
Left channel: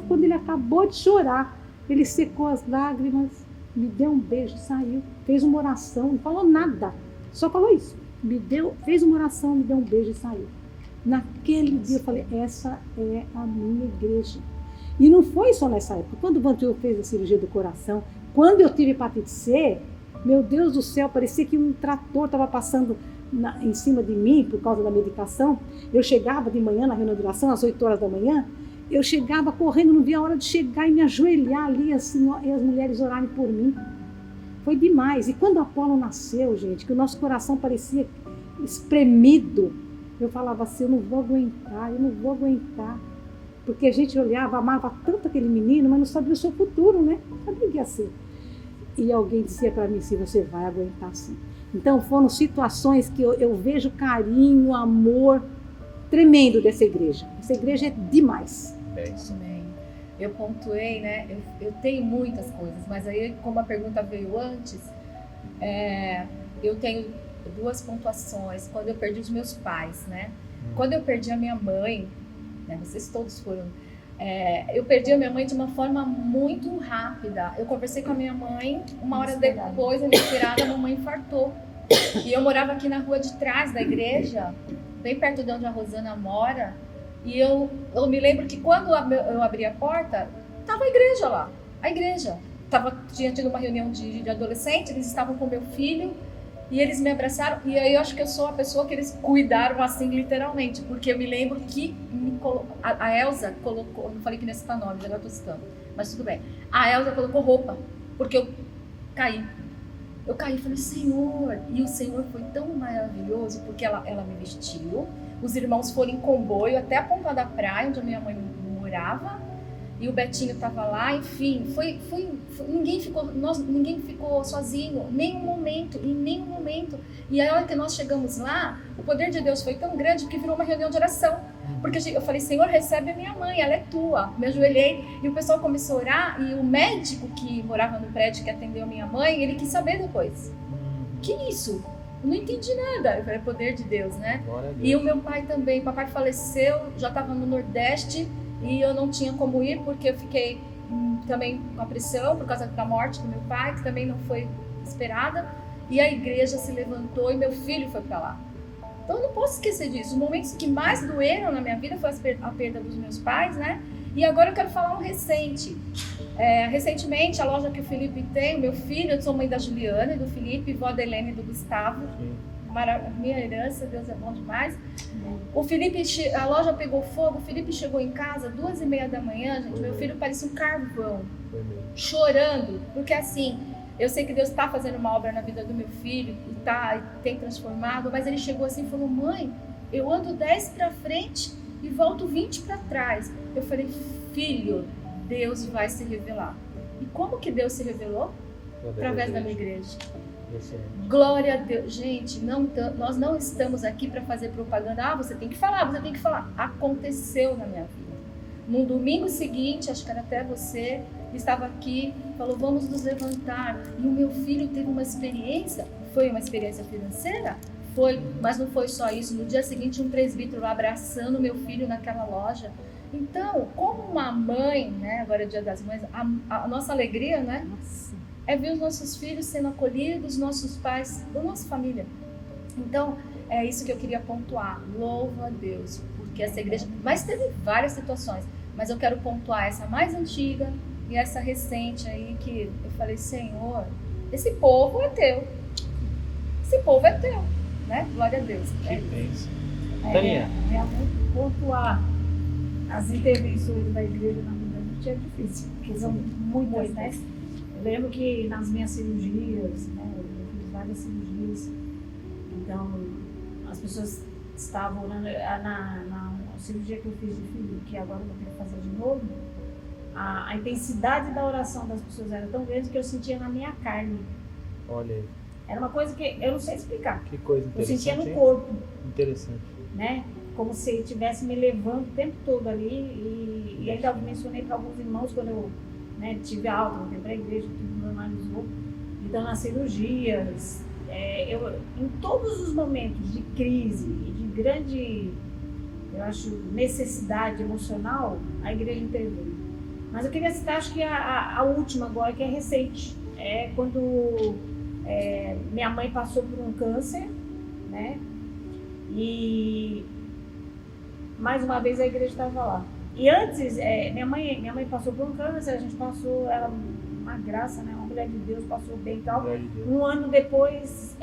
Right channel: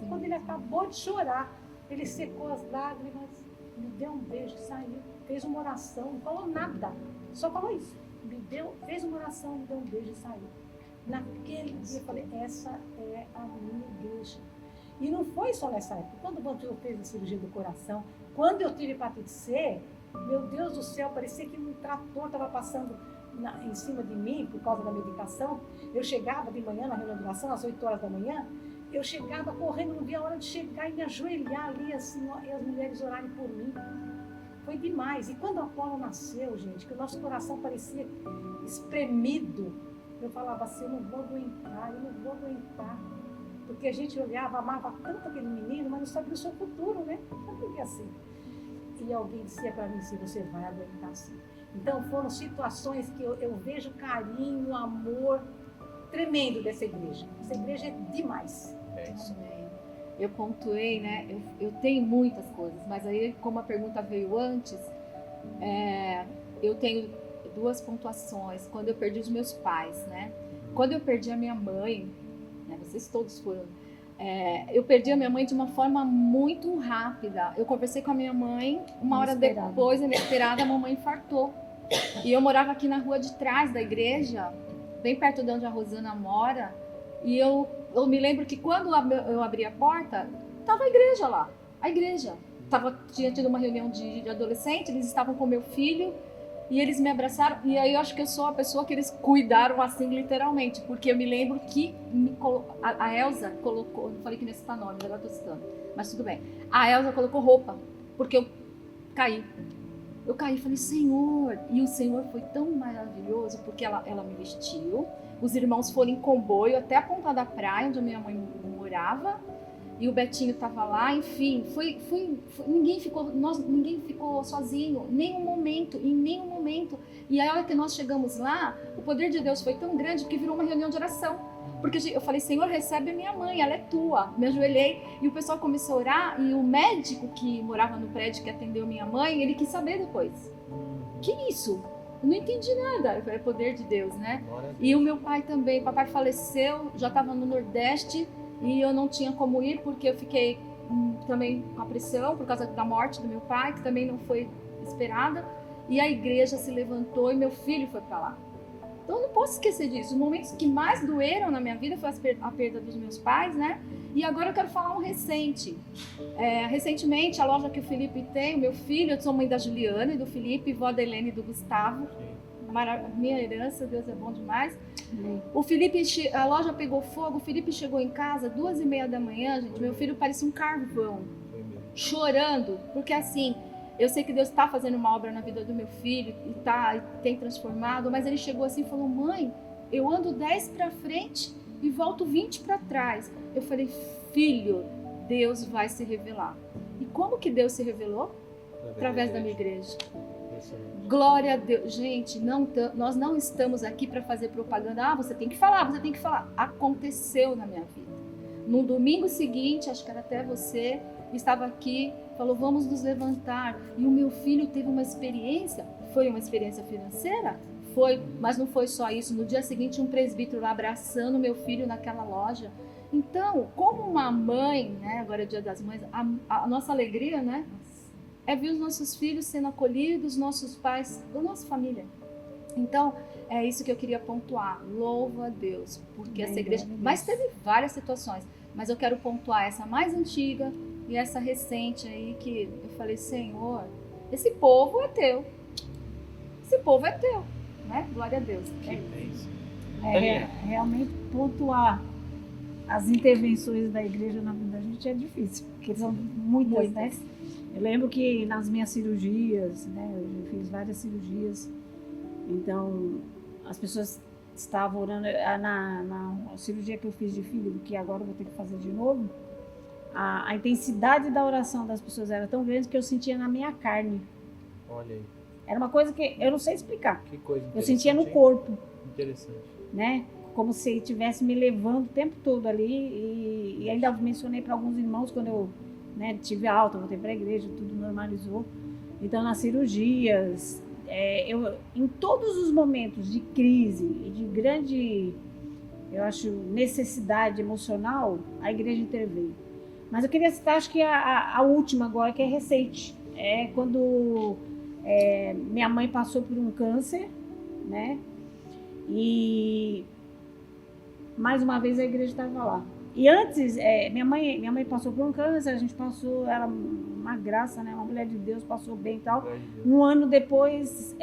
Quando ele acabou de chorar, ele secou as lágrimas, me deu um beijo, saiu, fez uma oração, não falou nada, só falou isso. Fez uma oração, me deu um beijo e saiu. Naquele dia eu falei, essa é a minha igreja. E não foi só nessa época. Quando o Vantil fez a cirurgia do coração, quando eu tive hepatite C, meu Deus do céu, parecia que um trator estava passando em cima de mim por causa da medicação. Eu chegava de manhã na reunião de oração, às 8 horas da manhã, eu chegava correndo, não via a hora de chegar e me ajoelhar ali assim, e as mulheres orarem por mim. Foi demais. E quando Apolo nasceu, gente, que o nosso coração parecia espremido, eu falava assim, eu não vou aguentar. Porque a gente olhava, amava tanto aquele menino, mas não sabia o seu futuro, né? Não sabia o que ia ser. E alguém dizia para mim assim, você vai aguentar sim. Então foram situações que eu vejo carinho, amor tremendo dessa igreja. Essa igreja é demais. É isso. Eu pontuei, né? Eu tenho muitas coisas, mas aí como a pergunta veio antes, eu tenho 2 pontuações. Quando eu perdi os meus pais, né? Quando eu perdi a minha mãe, né? Vocês todos foram. Eu perdi a minha mãe de uma forma muito rápida. Eu conversei com a minha mãe, uma hora depois, inesperada, a mamãe infartou. E eu morava aqui na rua de trás da igreja, bem perto de onde a Rosana mora. E eu me lembro que quando eu abri a porta, estava a igreja lá. A igreja. Tinha tido uma reunião de adolescentes, eles estavam com meu filho e eles me abraçaram. E aí eu acho que eu sou a pessoa que eles cuidaram assim, literalmente. Porque eu me lembro que a Elza colocou, não falei que nesse nome, agora estou citando, mas tudo bem. A Elza colocou roupa, porque eu caí. Eu caí e falei, Senhor, e o Senhor foi tão maravilhoso, porque ela me vestiu, os irmãos foram em comboio até a ponta da praia, onde a minha mãe morava, e o Betinho estava lá, enfim, ninguém ficou sozinho, em nenhum momento. E a hora que nós chegamos lá, o poder de Deus foi tão grande que virou uma reunião de oração. Porque eu falei, Senhor, recebe a minha mãe, ela é tua. Me ajoelhei e o pessoal começou a orar e o médico que morava no prédio que atendeu a minha mãe, ele quis saber depois. Que isso? Eu não entendi nada. Eu falei, é poder de Deus, né? E o meu pai também. O papai faleceu, já estava no Nordeste e eu não tinha como ir porque eu fiquei também com a pressão por causa da morte do meu pai, que também não foi esperada. E a igreja se levantou e meu filho foi para lá. Então eu não posso esquecer disso. Os momentos que mais doeram na minha vida foi a perda dos meus pais, né? E agora eu quero falar um recente. Recentemente, a loja que o Felipe tem, o meu filho, eu sou mãe da Juliana e do Felipe, vó da Helene e do Gustavo. Minha herança, Deus é bom demais. O Felipe, a loja pegou fogo, o Felipe chegou em casa 2h30 da manhã, gente. Meu filho parecia um carvão, chorando, porque assim... Eu sei que Deus está fazendo uma obra na vida do meu filho e tem transformado, mas ele chegou assim e falou, mãe, eu ando 10 para frente e volto 20 para trás. Eu falei, filho, Deus vai se revelar. E como que Deus se revelou? Através da minha igreja. Glória a Deus. Gente, nós não estamos aqui para fazer propaganda. Você tem que falar, você tem que falar. Aconteceu na minha vida. No domingo seguinte, acho que era até você, estava aqui, falou, vamos nos levantar. E o meu filho teve uma experiência, foi uma experiência financeira? Foi, mas não foi só isso. No dia seguinte, um presbítero lá abraçando meu filho naquela loja. Então, como uma mãe, né, agora é Dia das Mães, a nossa alegria, né, é ver os nossos filhos sendo acolhidos, nossos pais, da nossa família. Então, é isso que eu queria pontuar. Louva a Deus, porque essa igreja... Mas teve várias situações, mas eu quero pontuar essa mais antiga, e essa recente aí que eu falei, Senhor, esse povo é teu. Esse povo é teu, né? Glória a Deus. Que bênção. Realmente pontuar as intervenções da igreja na vida da gente é difícil, porque são muitas, né? Eu lembro que nas minhas cirurgias, né? Eu fiz várias cirurgias, então as pessoas estavam orando na cirurgia que eu fiz de fígado, que agora eu vou ter que fazer de novo. A intensidade da oração das pessoas era tão grande que eu sentia na minha carne. Olha aí. Era uma coisa que eu não sei explicar. Que coisa interessante. Eu sentia no corpo. Interessante. Né? Como se estivesse me levando o tempo todo ali. E ainda mencionei para alguns irmãos quando eu, né, tive alta, voltei para a igreja, tudo normalizou. Então, nas cirurgias, em todos os momentos de crise e de grande, eu acho, necessidade emocional, a igreja interveio. Mas eu queria citar, acho que a última agora, que é recente. É quando minha mãe passou por um câncer, né? E mais uma vez a igreja estava lá. E antes, minha mãe passou por um câncer, a gente passou, ela, uma graça, né? Uma mulher de Deus, passou bem e tal. Um ano depois,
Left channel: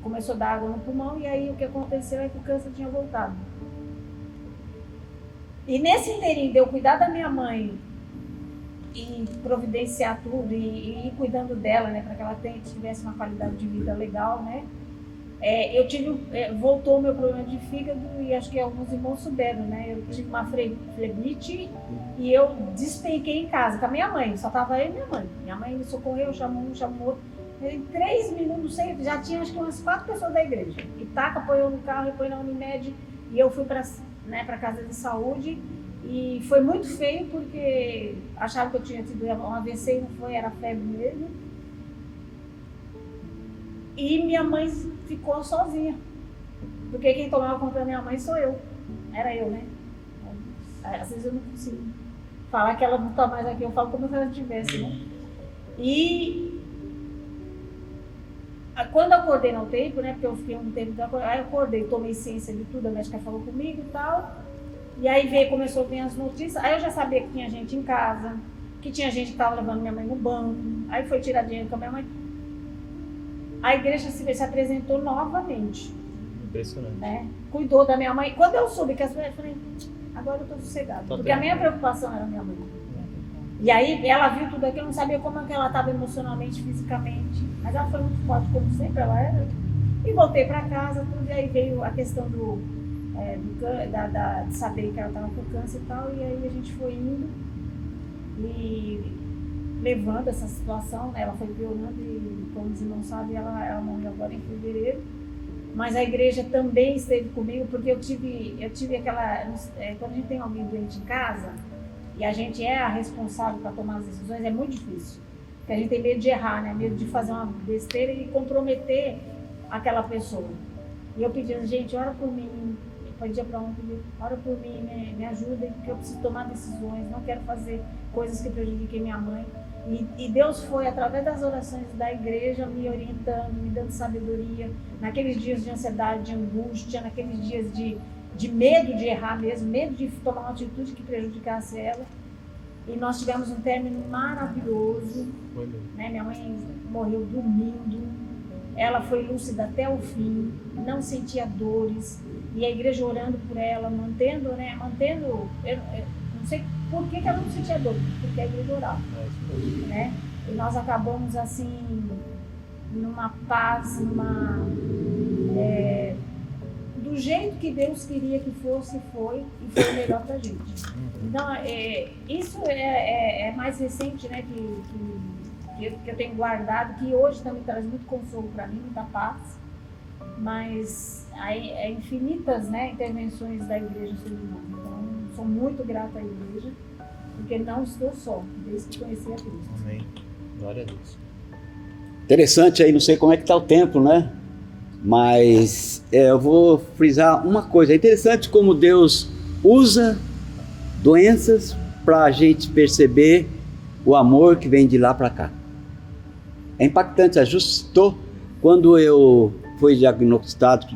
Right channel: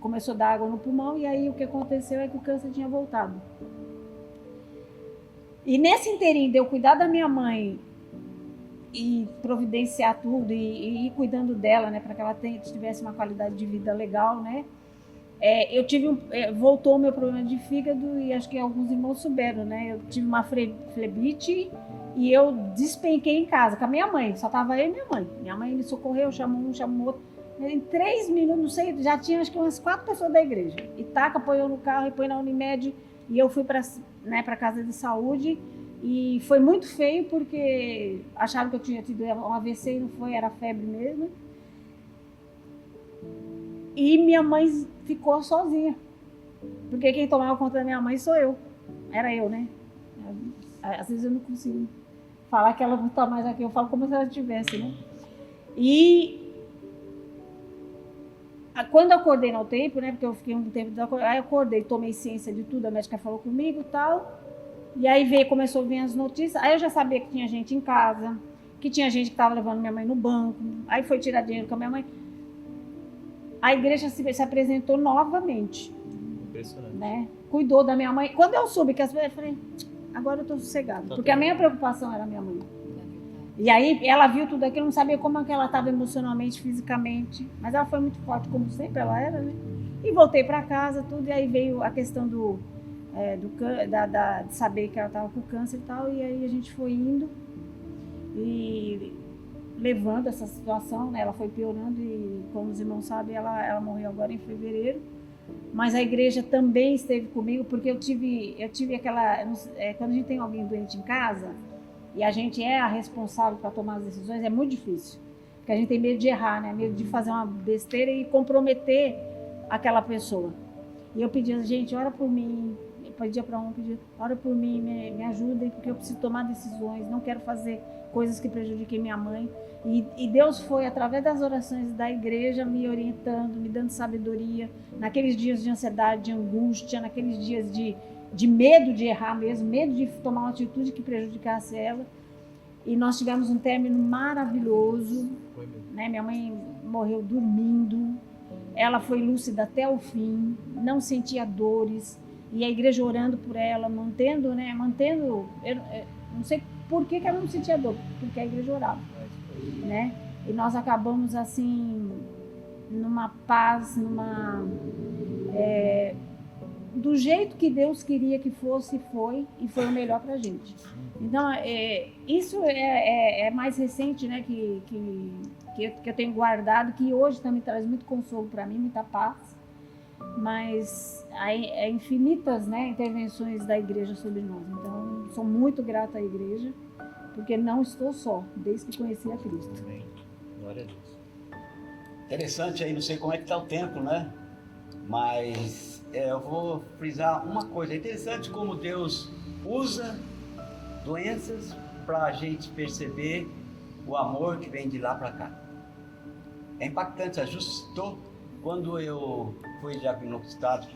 começou a dar água no pulmão, e aí o que aconteceu é que o câncer tinha voltado. E nesse inteirinho de eu cuidar da minha mãe e providenciar tudo e ir cuidando dela, né, para que ela tivesse uma qualidade de vida legal, né, voltou o meu problema de fígado e acho que alguns irmãos souberam, né, eu tive uma fleblite e eu despenquei em casa com a minha mãe, só tava eu e minha mãe. Minha mãe me socorreu, chamou um, chamou outro. Em 3 minutos, não sei, já tinha acho que umas 4 pessoas da igreja. E Taca apoiou no carro, apoiou na Unimed e eu fui para casa de saúde e foi muito feio porque achavam que eu tinha tido um AVC e não foi, era febre mesmo. E minha mãe ficou sozinha, porque quem tomava conta da minha mãe sou eu, era eu, né? Às vezes eu não consigo falar que ela não está mais aqui, eu falo como se ela estivesse, né? E quando eu acordei no tempo, né, porque eu fiquei um tempo, aí eu acordei, tomei ciência de tudo, a médica falou comigo e tal, e aí começou a vir as notícias, aí eu já sabia que tinha gente em casa, que tinha gente que estava levando minha mãe no banco, aí foi tirar dinheiro com a minha mãe. A igreja se apresentou novamente. Impressionante. Né? Cuidou da minha mãe. Quando eu soube que as pessoas, eu falei, agora eu estou sossegada, porque a minha preocupação era a minha mãe. E aí ela viu tudo aquilo, não sabia como é que ela estava emocionalmente, fisicamente, mas ela foi muito forte, como sempre ela era, né? E voltei para casa, tudo, e aí veio a questão de saber que ela estava com câncer e tal, e aí a gente foi indo e levando essa situação, né? Ela foi piorando e, como os irmãos sabem, ela morreu agora em fevereiro. Mas a igreja também esteve comigo, porque eu tive aquela... quando a gente tem alguém doente em casa, e a gente é a responsável para tomar as decisões, é muito difícil. Porque a gente tem medo de errar, né? Medo de fazer uma besteira e comprometer aquela pessoa. E eu pedia, gente, ora por mim. Eu pedia para um, ora por mim, me ajudem, porque eu preciso tomar decisões, não quero fazer coisas que prejudiquem minha mãe. E Deus foi, através das orações da igreja, me orientando, me dando sabedoria, naqueles dias de ansiedade, de angústia, naqueles dias de medo de errar mesmo, medo de tomar uma atitude que prejudicasse ela. E nós tivemos um término maravilhoso. Né? Minha mãe morreu dormindo, ela foi lúcida até o fim, não sentia dores, e a igreja orando por ela, mantendo, eu não sei por que ela não sentia dor, porque a igreja orava. Né? E nós acabamos assim, numa paz, do jeito que Deus queria que fosse, foi, e foi o melhor pra gente. Então, isso é mais recente, né, que eu tenho guardado, que hoje também traz muito consolo para mim, muita paz, mas há infinitas, né, intervenções da igreja sobre nós. Então, sou muito grata à igreja, porque não estou só, desde que conheci a Cristo. Amém. Glória a Deus. Interessante aí, não sei como é que está o tempo, né? Mas eu vou frisar uma coisa. É interessante como Deus usa doenças para a gente perceber o amor que vem de lá para cá. É impactante. Ajustou quando eu fui diagnosticado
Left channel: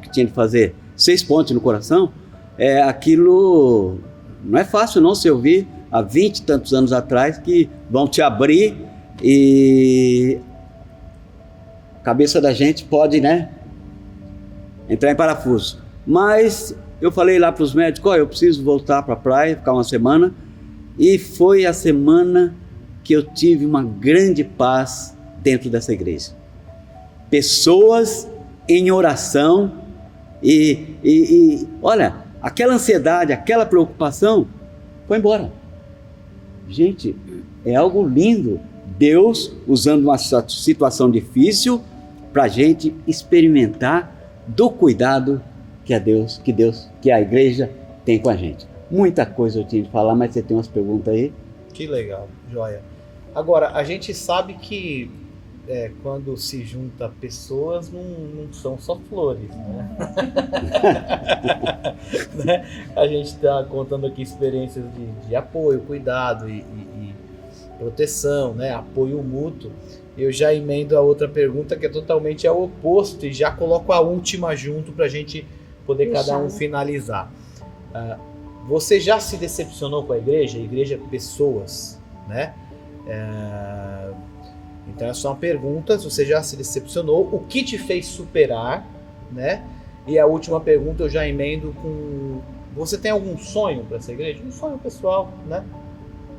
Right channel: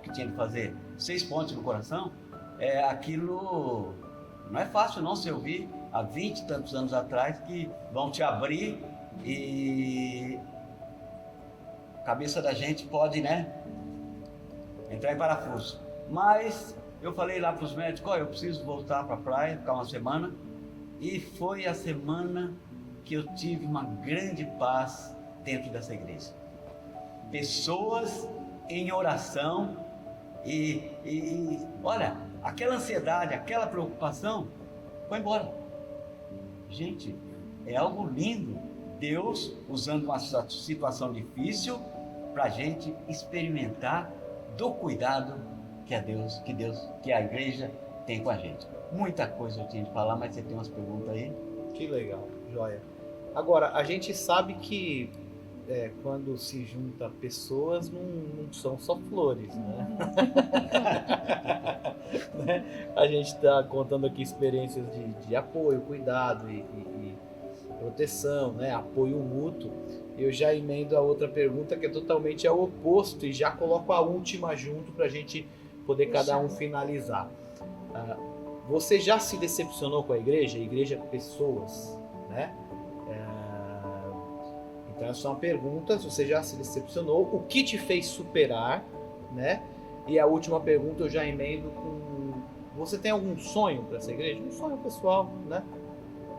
que tinha que fazer 6 pontos no coração. Aquilo não é fácil não se ouvir há 20 e tantos anos atrás, que vão te abrir e a cabeça da gente pode, né, entrar em parafuso. Mas eu falei lá para os médicos, eu preciso voltar para a praia, ficar uma semana, e foi a semana que eu tive uma grande paz dentro dessa igreja. Pessoas em oração e olha, aquela ansiedade, aquela preocupação foi embora. Gente, é algo lindo. Deus usando uma situação difícil para a gente experimentar do cuidado que a igreja tem com a gente. Muita coisa eu tinha de falar, mas você tem umas perguntas aí? Que legal, joia. Agora, a gente sabe que quando se junta pessoas, não são só flores, né? A gente está contando aqui experiências de apoio, cuidado e proteção, né? Apoio mútuo. Eu já emendo a outra pergunta, que é totalmente ao oposto, e já coloco a última junto para a gente poder cada um finalizar. Você já se decepcionou com a igreja? Pessoas, né? Então essas são perguntas. Você já se decepcionou? O que te fez superar, né? E a última pergunta eu já emendo com: você tem algum sonho para essa igreja? Um sonho pessoal, né?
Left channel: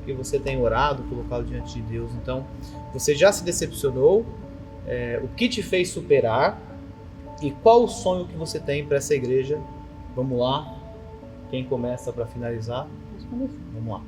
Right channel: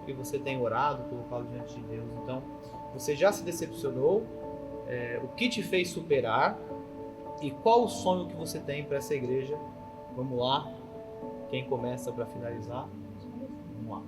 Que você tem orado, colocado diante de Deus. Então, você já se decepcionou? O que te fez superar? E qual o sonho que você tem para essa igreja? Vamos lá. Quem começa para finalizar? Vamos lá.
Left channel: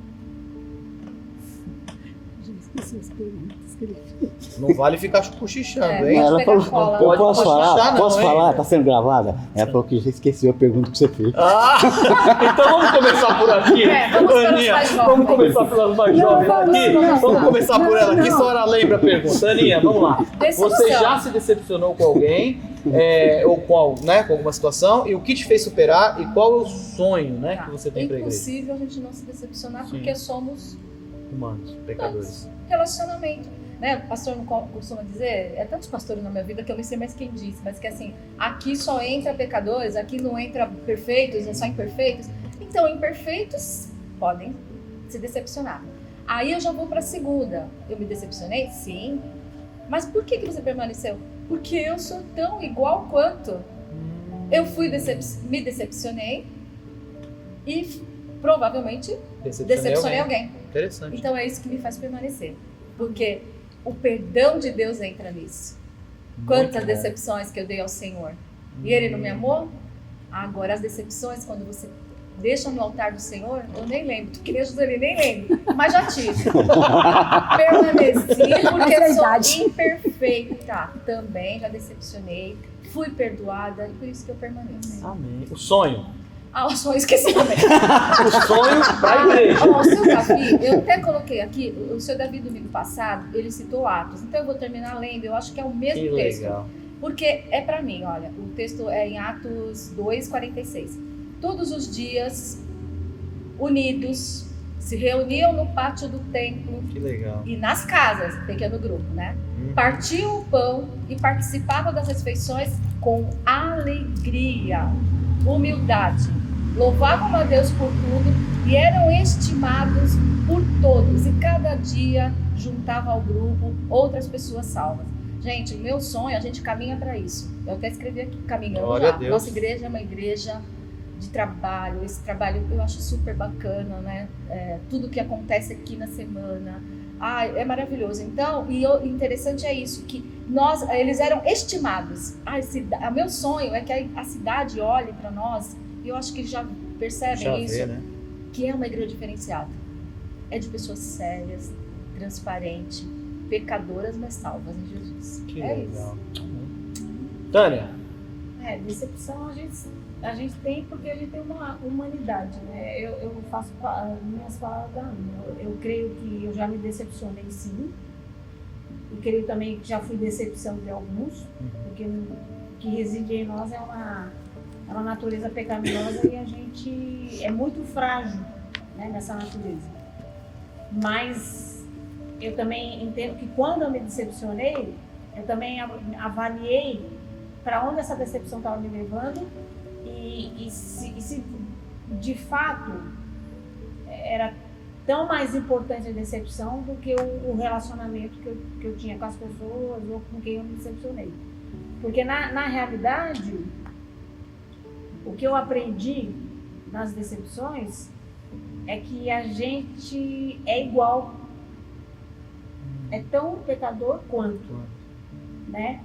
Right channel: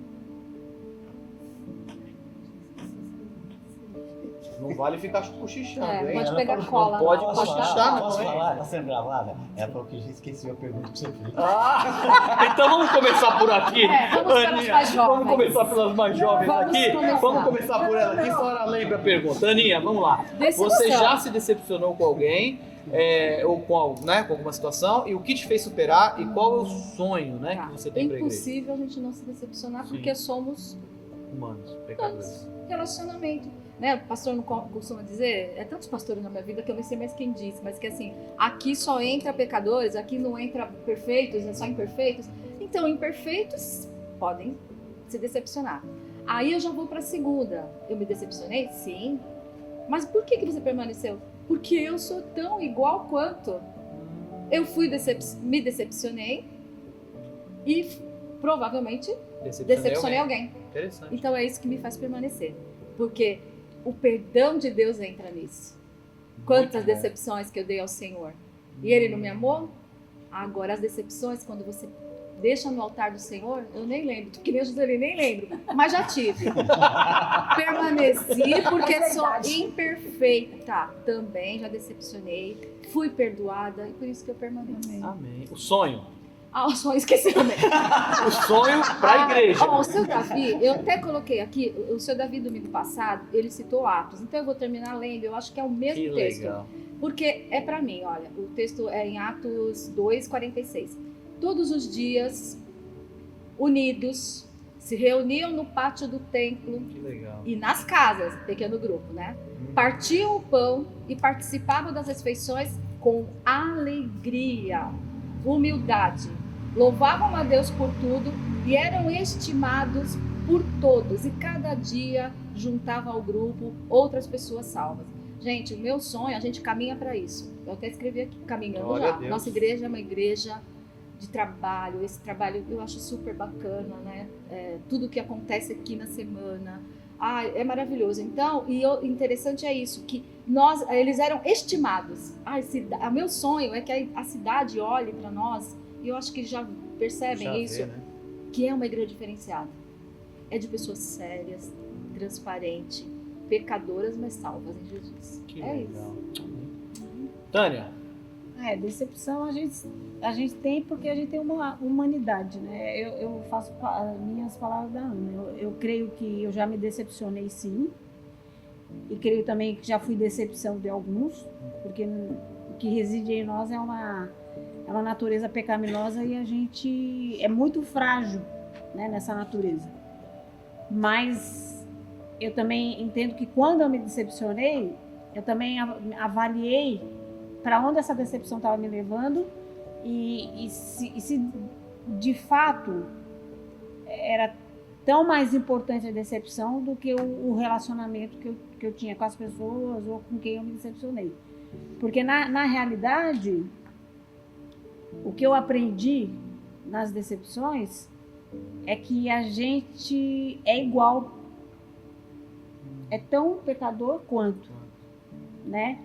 Não vale ficar cochichando, hein? Ela falou, não pode cochichar, não. Posso falar? Tá sendo gravada? É porque já esqueci a pergunta que você fez. Então vamos começar por aqui, Aninha. Vamos começar pelas mais jovens aqui. Vamos começar por ela aqui, só ela lembra a pergunta. Aninha, vamos lá. Você já se decepcionou com alguém? Ou com alguma situação? E o que te fez superar? E qual é o sonho, né, que você tem para a igreja? É impossível a gente não se decepcionar, porque somos humanos, pecadores. Relacionamento. né, o pastor não costuma dizer, é tantos pastores na minha vida que eu nem sei mais quem disse, mas que assim, aqui só entra pecadores, aqui não entra perfeitos, é só imperfeitos. Então, imperfeitos podem se decepcionar. Aí eu já vou para a segunda. Eu me decepcionei? Sim. Mas por que você permaneceu? Porque eu sou tão igual quanto. Eu me decepcionei e provavelmente decepcionei alguém. Interessante. Então é isso que me faz permanecer. Porque o perdão de Deus entra nisso. Quantas decepções que eu dei ao Senhor. E Ele não me amou? Agora as decepções, quando você deixa no altar do Senhor, eu nem lembro. Que nem a Joseli, nem lembro. Mas já tive. Permaneci porque sou imperfeita. Também já decepcionei. Fui perdoada e por isso que eu permaneço. Amém. O sonho. Ah, o sonho, esqueci também. O sonho para a igreja. O seu Davi, eu até coloquei aqui, o seu Davi domingo passado, ele citou Atos. Então eu vou terminar lendo, eu acho que é o mesmo Que texto. legal. Porque é para mim, olha, o texto é em Atos 2:46. Todos os dias, unidos, se reuniam no pátio do templo Que legal. e nas casas, pequeno grupo, né? Partiam o pão e participavam das refeições com alegria, humildade. Louvavam a Deus por tudo e eram estimados por todos. E cada dia juntavam ao grupo outras pessoas salvas. Gente, meu sonho, a gente caminha para isso. Eu até escrevi aqui, caminhando Glória já. a Deus. Nossa igreja é uma igreja de trabalho. Esse trabalho eu acho super bacana, né? Tudo que acontece aqui na semana. É maravilhoso. Então, interessante é isso, que eles eram estimados. Meu sonho é que a cidade olhe para nós, e eu acho que já percebem isso, né? que é uma igreja diferenciada. É de pessoas sérias, transparentes, pecadoras, mas salvas em Jesus. Que é legal. isso. Amém. Tânia. Decepção a gente tem porque a gente tem uma humanidade, né? Eu faço minhas palavras da Ana. Eu creio que eu já me decepcionei, sim. E creio também que já fui decepção de alguns, porque o que reside em nós é uma natureza pecaminosa e a gente é muito frágil, né, nessa natureza. Mas eu também entendo que quando eu me decepcionei, eu também avaliei para onde essa decepção estava me levando e se de fato era tão mais importante a decepção do que o relacionamento que eu tinha com as pessoas ou com quem eu me decepcionei. Porque na realidade, o que eu aprendi nas decepções é que a gente é igual, é tão pecador quanto, né?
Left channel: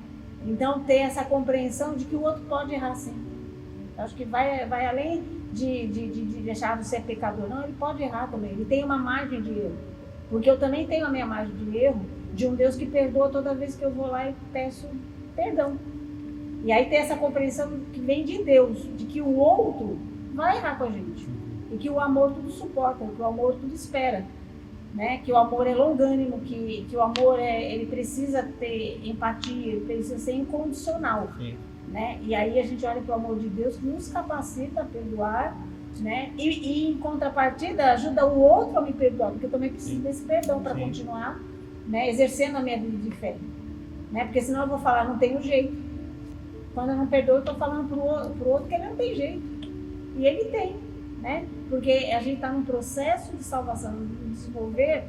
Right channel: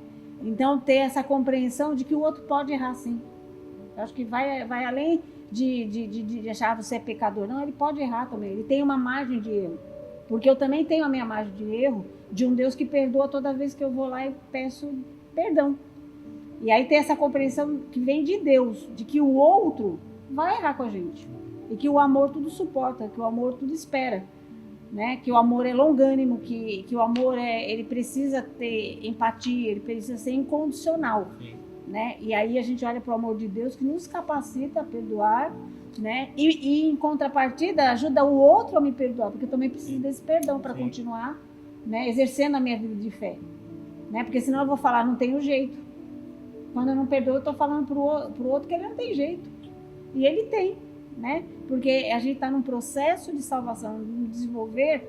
Então, ter essa compreensão de que o outro pode errar, sim. Eu acho que vai além de achar você pecador. Não, ele pode errar também. Ele tem uma margem de erro. Porque eu também tenho a minha margem de erro de um Deus que perdoa toda vez que eu vou lá e peço perdão. E aí tem essa compreensão que vem de Deus, de que o outro vai errar com a gente. E que o amor tudo suporta, que o amor tudo espera. Né? Que o amor é longânimo, que o amor ele precisa ter empatia, ele precisa ser incondicional, né? E aí a gente olha para o amor de Deus que nos capacita a perdoar, né? E em contrapartida ajuda o outro a me perdoar, porque eu também preciso desse perdão para continuar, né? Exercendo a minha vida de fé, né? Porque senão eu vou falar, não tenho jeito. Quando eu não perdoo, eu estou falando pro outro que ele não tem jeito, e ele tem, né? Porque a gente está num processo de salvação, de desenvolver,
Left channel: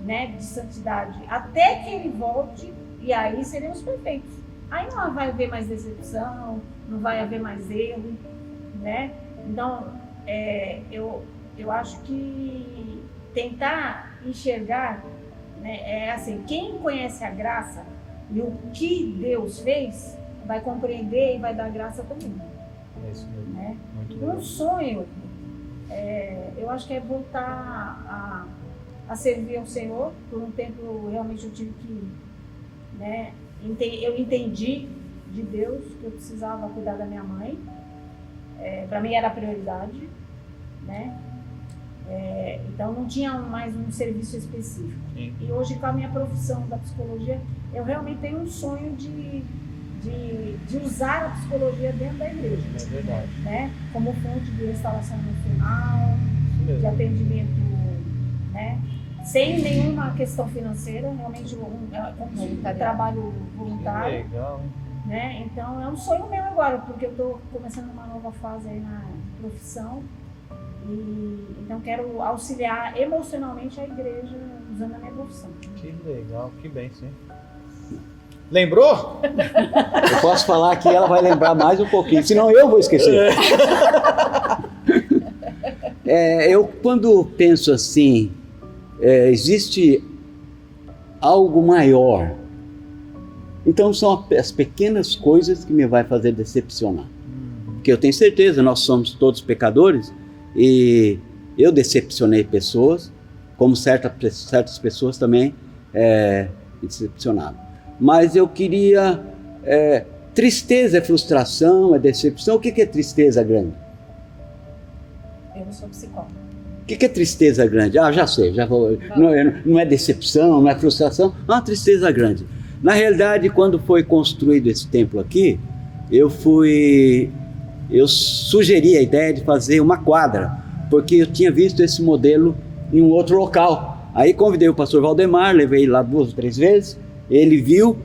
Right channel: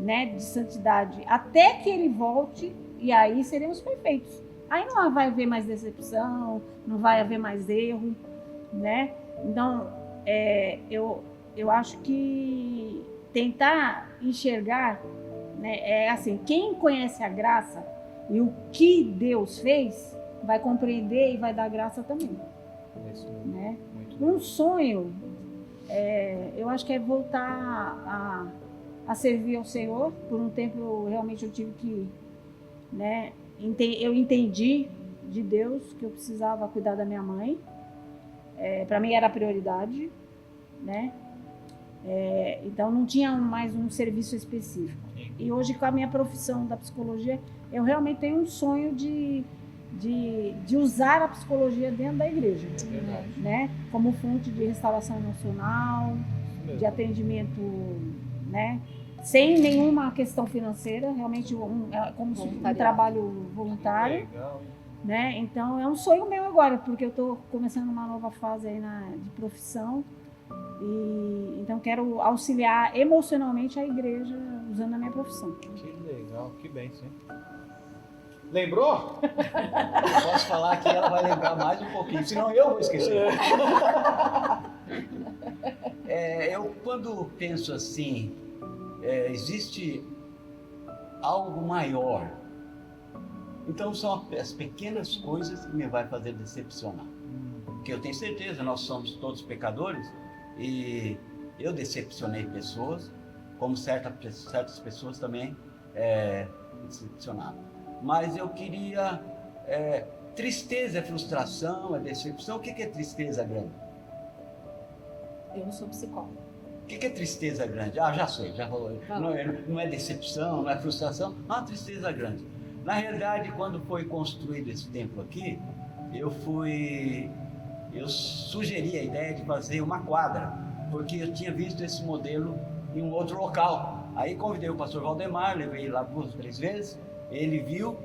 né, de santidade, até que ele volte, e aí seremos perfeitos. Aí não vai haver mais decepção, não vai haver mais erro, né? Então, eu acho que tentar enxergar, né, é assim, quem conhece a graça e o que Deus fez, vai compreender e vai dar graça também. É isso mesmo. Né? Muito Um sonho, eu acho que é voltar a servir ao Senhor. Por um tempo, realmente, eu tive que, né, eu entendi de Deus que eu precisava cuidar da minha mãe. Para mim era a prioridade, né? Então não tinha mais um serviço específico. Sim. E hoje, com a minha profissão da psicologia, eu realmente tenho um sonho de usar a psicologia dentro da igreja, É verdade. né? Como fonte de restauração emocional, de atendimento, né, sem nenhuma questão financeira, realmente como um trabalho Que voluntário. legal, hein? Né? Então é um sonho meu agora, porque eu estou começando uma nova fase aí na profissão e então quero auxiliar emocionalmente a igreja usando a minha profissão. Que legal, que bênção. Lembrou? Eu posso falar que ela vai lembrar mais um pouquinho, senão eu vou esquecer. Eu quando penso assim, existe algo maior. Então são as pequenas coisas que me vai fazer decepcionar. Porque eu tenho certeza, nós somos todos pecadores e eu decepcionei pessoas, como certas pessoas também me decepcionaram. Mas eu queria... tristeza é frustração, é decepção. O que é tristeza grande? Eu não sou psicóloga. O que é tristeza grande? Já sei, já vou. Não é decepção, não é frustração, é uma tristeza grande. Na realidade, quando foi construído esse templo aqui, eu sugeri a ideia de fazer uma quadra, porque eu tinha visto esse modelo em um outro local. Aí convidei o pastor Valdemar, levei ele lá 2 ou 3 vezes, ele viu,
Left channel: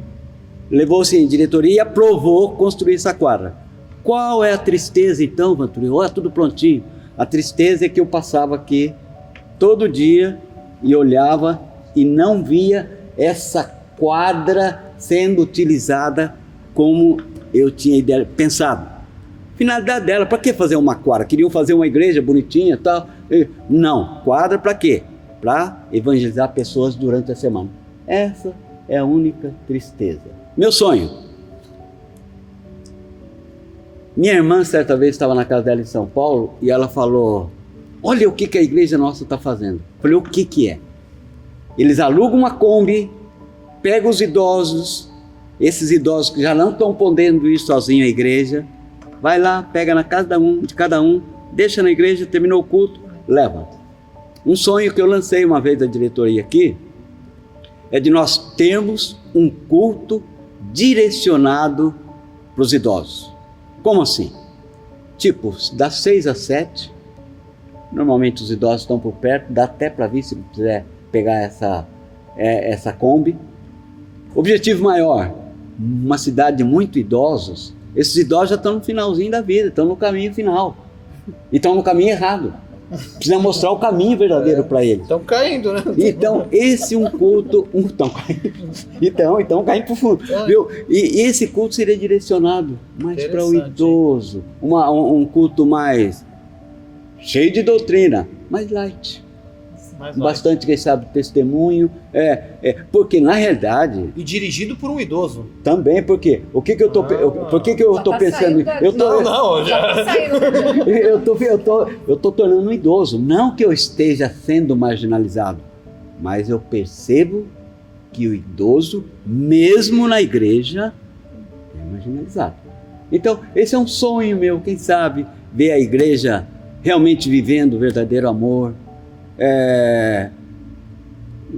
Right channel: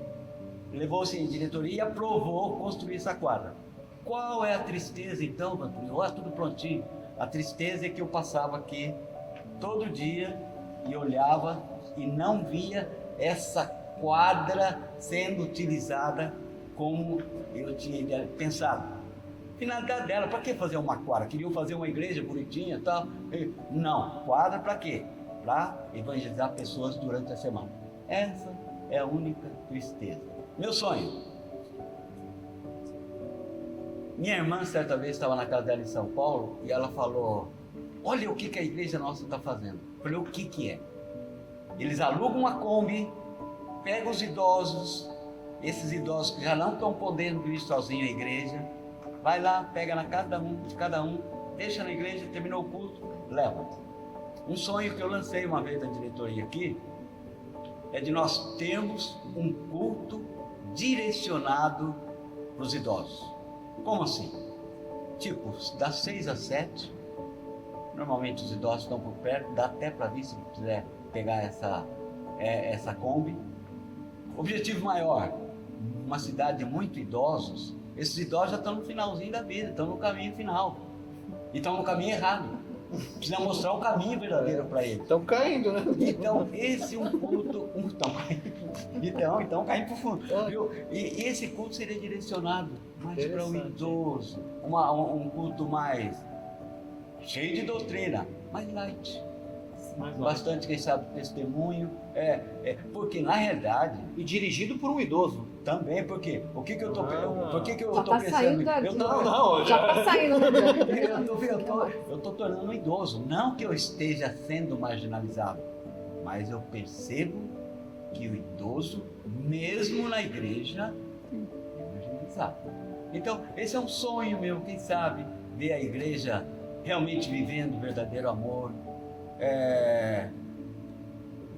levou-se em diretoria e aprovou construir essa quadra. Qual é a tristeza então, Vanturinho? Olha, tudo prontinho. A tristeza é que eu passava aqui todo dia e olhava e não via essa quadra sendo utilizada como eu tinha pensado. Finalidade dela, para que fazer uma quadra? Queriam fazer uma igreja bonitinha e tal. Não, quadra para quê? Para evangelizar pessoas durante a semana. Essa é a única tristeza. Meu sonho. Minha irmã certa vez estava na casa dela em São Paulo e ela falou, olha o que a igreja nossa está fazendo. Eu falei, o que é? Eles alugam uma Kombi, pegam os idosos, esses idosos que já não estão podendo ir sozinhos à igreja, vai lá, pega na casa de cada um, deixa na igreja, terminou o culto, leva. Um sonho que eu lancei uma vez da diretoria aqui, é de nós termos um culto direcionado para os idosos. Como assim? Tipo, das 6 às 7, normalmente os idosos estão por perto, dá até para vir se quiser pegar essa Kombi. Objetivo maior, uma cidade de muitos idosos, esses idosos já estão no finalzinho da vida, estão no caminho final, e estão no caminho errado. Precisa mostrar o caminho verdadeiro para eles. Estão caindo, né? Então, esse é um culto... Estão caindo para o fundo. Viu? E esse culto seria direcionado mais para o idoso. Um culto mais cheio de doutrina, mais light. Bastante, quem sabe, testemunho. Porque, na realidade... E dirigido por um idoso. Também, porque... Por que eu estou pensando... Eu estou tornando um idoso. Não que eu esteja sendo marginalizado, mas eu percebo que o idoso, mesmo na igreja, é marginalizado. Então, esse é um sonho meu, quem sabe, ver a igreja realmente vivendo o verdadeiro amor.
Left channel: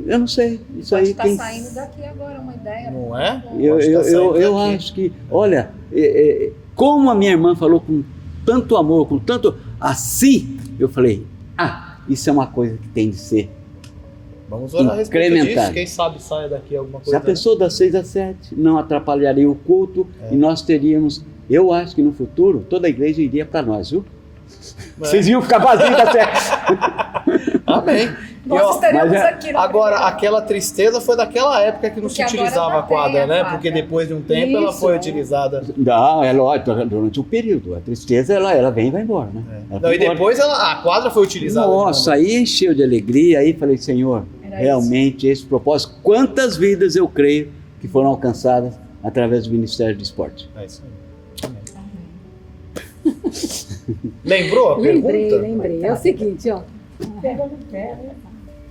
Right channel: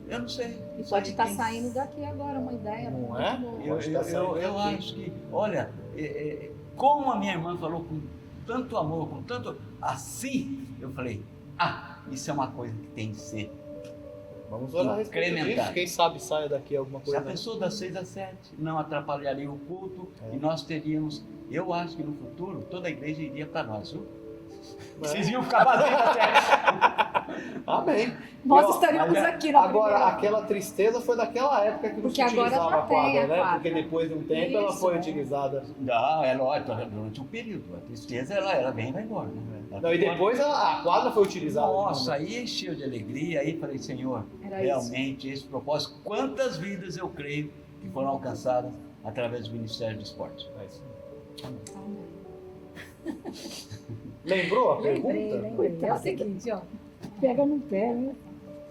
Eu não sei. Isso pode aí estar saindo daqui agora uma ideia. Não é? Eu acho que, olha, como a minha irmã falou com tanto amor, com tanto assim, eu falei, isso é uma coisa que tem de ser. Vamos orar a respeito disso, quem sabe saia daqui alguma coisa. Já pensou das 6 às 7, não atrapalharia o culto e nós teríamos, eu acho que no futuro toda a igreja iria para nós, viu? Vocês iam ficar vazios da 7. Amém. Nós estaremos aqui. Agora, aquela tristeza foi daquela época que não se utilizava a quadra, né? Porque depois de um tempo ela foi utilizada. Não, é lógico, durante um período. A tristeza, ela vem e vai embora, né? Não, e depois a quadra foi utilizada. Nossa, aí encheu de alegria, aí falei, Senhor, realmente esse propósito, quantas vidas eu creio que foram alcançadas através do Ministério do Esporte. É isso aí. Lembrou a pergunta? Lembrei. É o seguinte, ó. Pega no pé, né?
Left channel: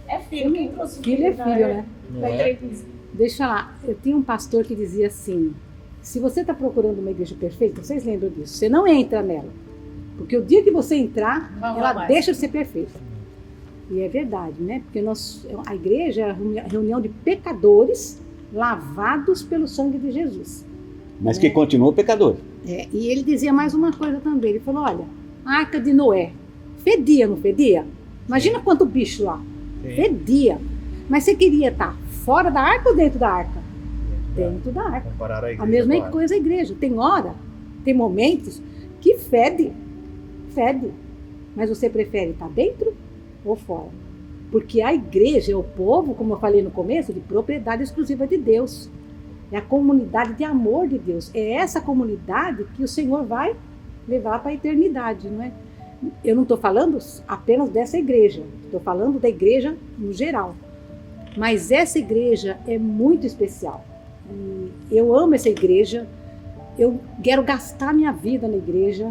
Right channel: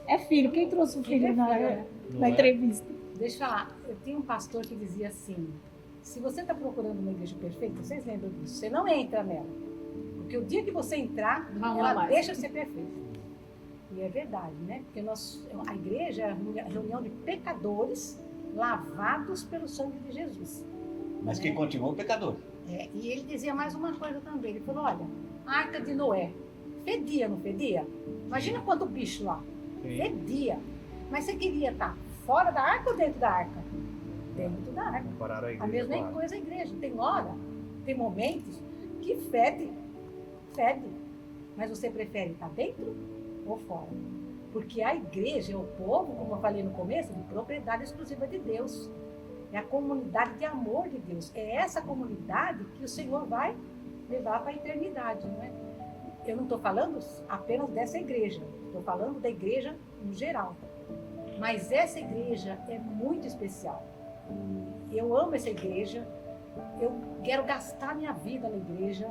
É filho, quem trouxe o filho? Filho é filho, né? Na entrevista. Deixa lá, eu tinha um pastor que dizia assim, se você está procurando uma igreja perfeita, vocês lembram disso, você não entra nela. Porque o dia que você entrar, ela deixa de ser perfeita. E é verdade, né? Porque a igreja é a reunião de pecadores lavados pelo sangue de Jesus. Mas que continua pecador. E ele dizia mais uma coisa também. Ele falou, olha, a Arca de Noé, fedia, não fedia? Imagina quanto bicho lá. Fedia. Mas você queria estar fora da arca ou dentro da arca? Dentro da arca. Comparar a igreja. A mesma com a arca. coisa a igreja. Tem hora, tem momentos que fede. Mas você prefere estar dentro ou fora? Porque a igreja é o povo, como eu falei no começo, de propriedade exclusiva de Deus. É a comunidade de amor de Deus. É essa comunidade que o Senhor vai levar para a eternidade, não é? Eu não estou falando apenas dessa igreja. Estou falando da igreja no geral. Mas essa igreja é muito especial. E eu amo essa igreja. Eu quero gastar minha vida na igreja.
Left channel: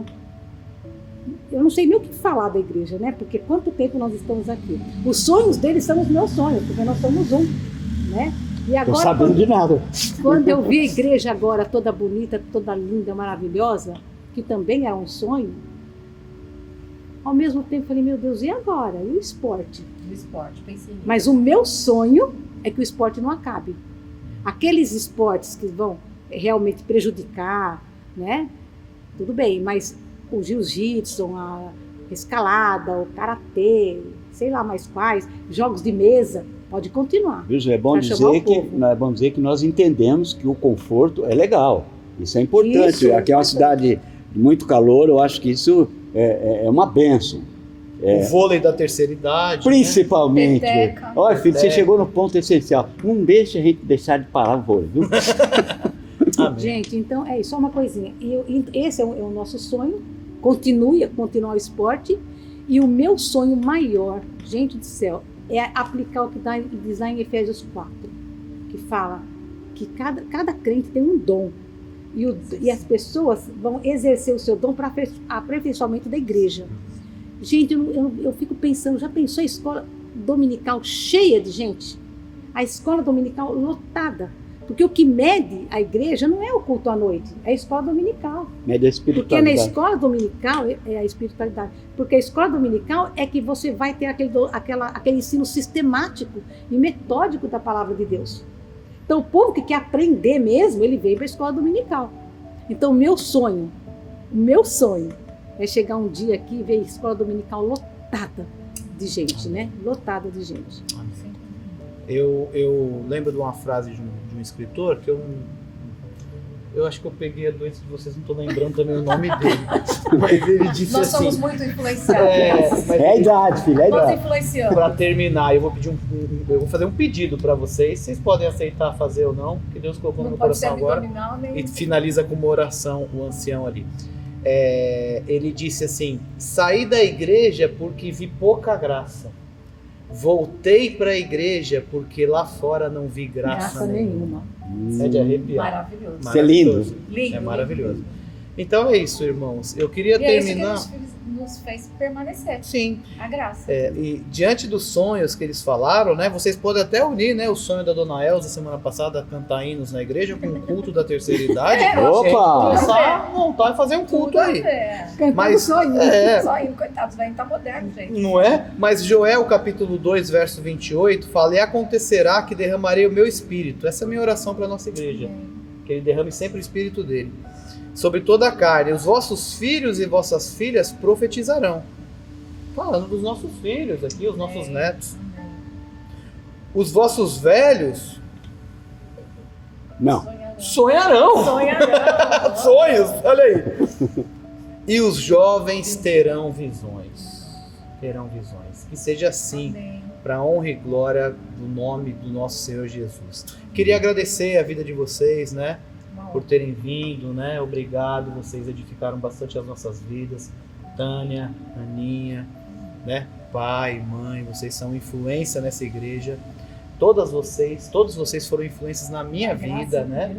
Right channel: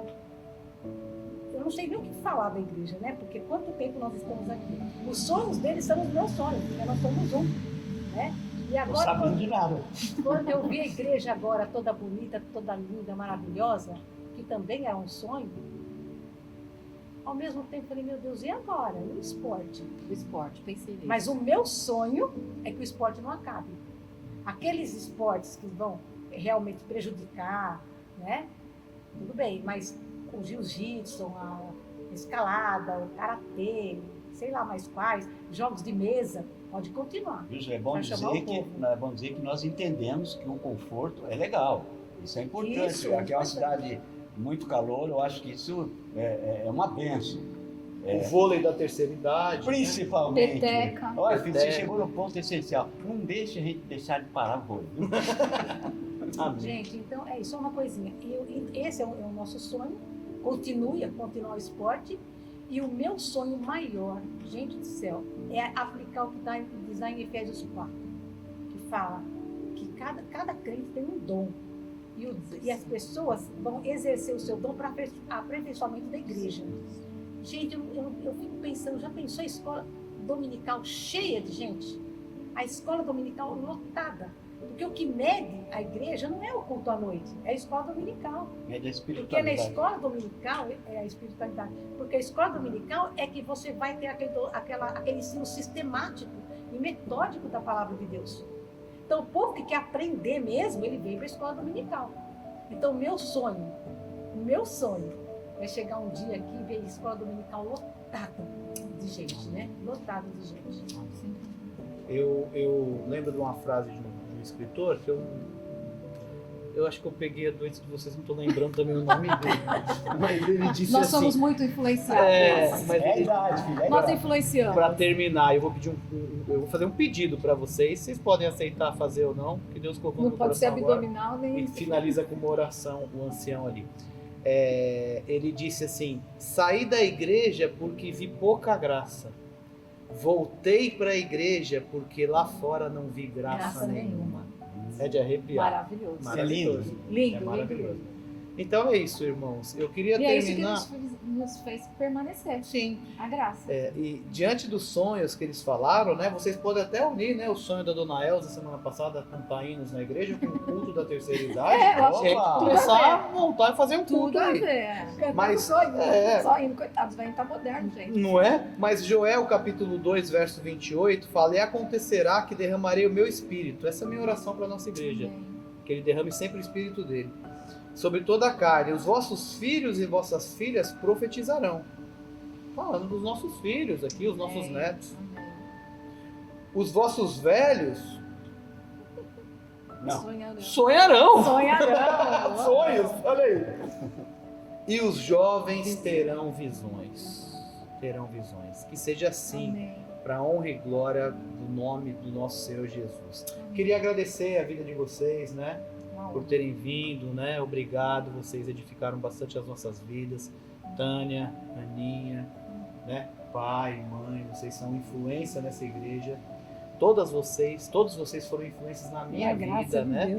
Eu não sei nem o que falar da igreja, né? Porque quanto tempo nós estamos aqui. Os sonhos deles são os meus sonhos, porque nós somos um, né? E Tô agora, sabendo de nada. quando eu vi a igreja agora toda bonita, toda linda, maravilhosa, que também era um sonho, ao mesmo tempo falei, meu Deus, e agora? E o esporte? Do esporte, pensei nisso. Mas o meu sonho é que o esporte não acabe. Aqueles esportes que vão realmente prejudicar, né? Tudo bem, mas o jiu-jitsu, a escalada, o karatê, sei lá mais quais, jogos de mesa, pode continuar. Viu, é bom Pra chamar o dizer povo. é bom dizer que nós entendemos que o conforto é legal. Isso é importante. Isso, Aqui é uma importante. cidade de muito calor, eu acho que isso é uma benção. O vôlei da terceira idade. Principalmente. Peteca. Olha, filho, você Peteca. chegou no ponto essencial. Não deixa a gente deixar de parar o vôlei, viu? Né? Amém. Gente, então é isso, só uma coisinha. Esse é o nosso sonho, continuar o esporte. E o meu sonho maior, gente do céu, é aplicar o que diz lá em Efésios 4, que fala que cada crente tem um dom. E as pessoas vão exercer o seu dom para aperfeiçoamento da igreja. Gente, eu fico pensando, já pensou a escola dominical cheia de gente? A escola dominical lotada. Porque o que mede a igreja não é o culto à noite, é a escola dominical. Média Porque na espiritualidade. escola dominical é a espiritualidade. Porque a escola dominical é que você vai ter aquele ensino sistemático e metódico da palavra de Deus. Então, o povo que quer aprender mesmo, ele vem para a escola dominical. Então, o meu sonho é chegar um dia aqui e ver a escola dominical lotada de gente, né? Lotada de gente. Eu lembro de uma frase de um escritor que eu acho que eu peguei a doença de vocês, não estou lembrando também o nome dele. Mas ele disse Nós somos assim. muito influenciados. Mas É a idade, filho, é a Nós idade. influenciamos. para terminar, eu vou fazer um pedido para vocês. Vocês podem aceitar fazer ou não, que Deus colocou no Não meu pode ser coração agora. abdominal nem. E finaliza com uma oração, o ancião ali. Ele disse assim: saí da igreja porque vi pouca graça. Voltei para a igreja porque lá fora não vi graça nenhuma. É de arrepiar. Maravilhoso. Isso é lindo. Lindo. É maravilhoso. Então é isso, irmãos. Eu queria E é isso terminar. que nos fez permanecer. Sim. A graça. E diante dos sonhos que eles falaram, né? Vocês podem até unir, né? O sonho da Dona Elza semana passada, cantar hinos na igreja com o culto da terceira idade. É, pra gente opa! começar a montar e fazer um culto Tudo a aí. ver. Cantando Mas sonho. Só indo, coitados, né? Tá moderno, gente. Não é? Mas Joel, capítulo 2, verso 28, fala: e acontecerá que derramarei o meu espírito. Essa é a minha oração para a nossa igreja. Que ele derrame sempre o espírito dele sobre toda a carne. Os vossos filhos e vossas filhas profetizarão. Falando dos nossos filhos aqui, os nossos netos. Os vossos velhos Não. sonharão. Sonharão. Sonhos, olha aí. E os jovens terão visões. Terão visões. Que seja assim, Amém. para a honra e glória do nome do nosso Senhor Jesus. Queria agradecer a vida de vocês, né? Por terem vindo, né? Obrigado, vocês edificaram bastante as nossas vidas. Tânia, Aninha, né? Pai, mãe, vocês são influência nessa igreja. Todos vocês foram influências na minha vida, né?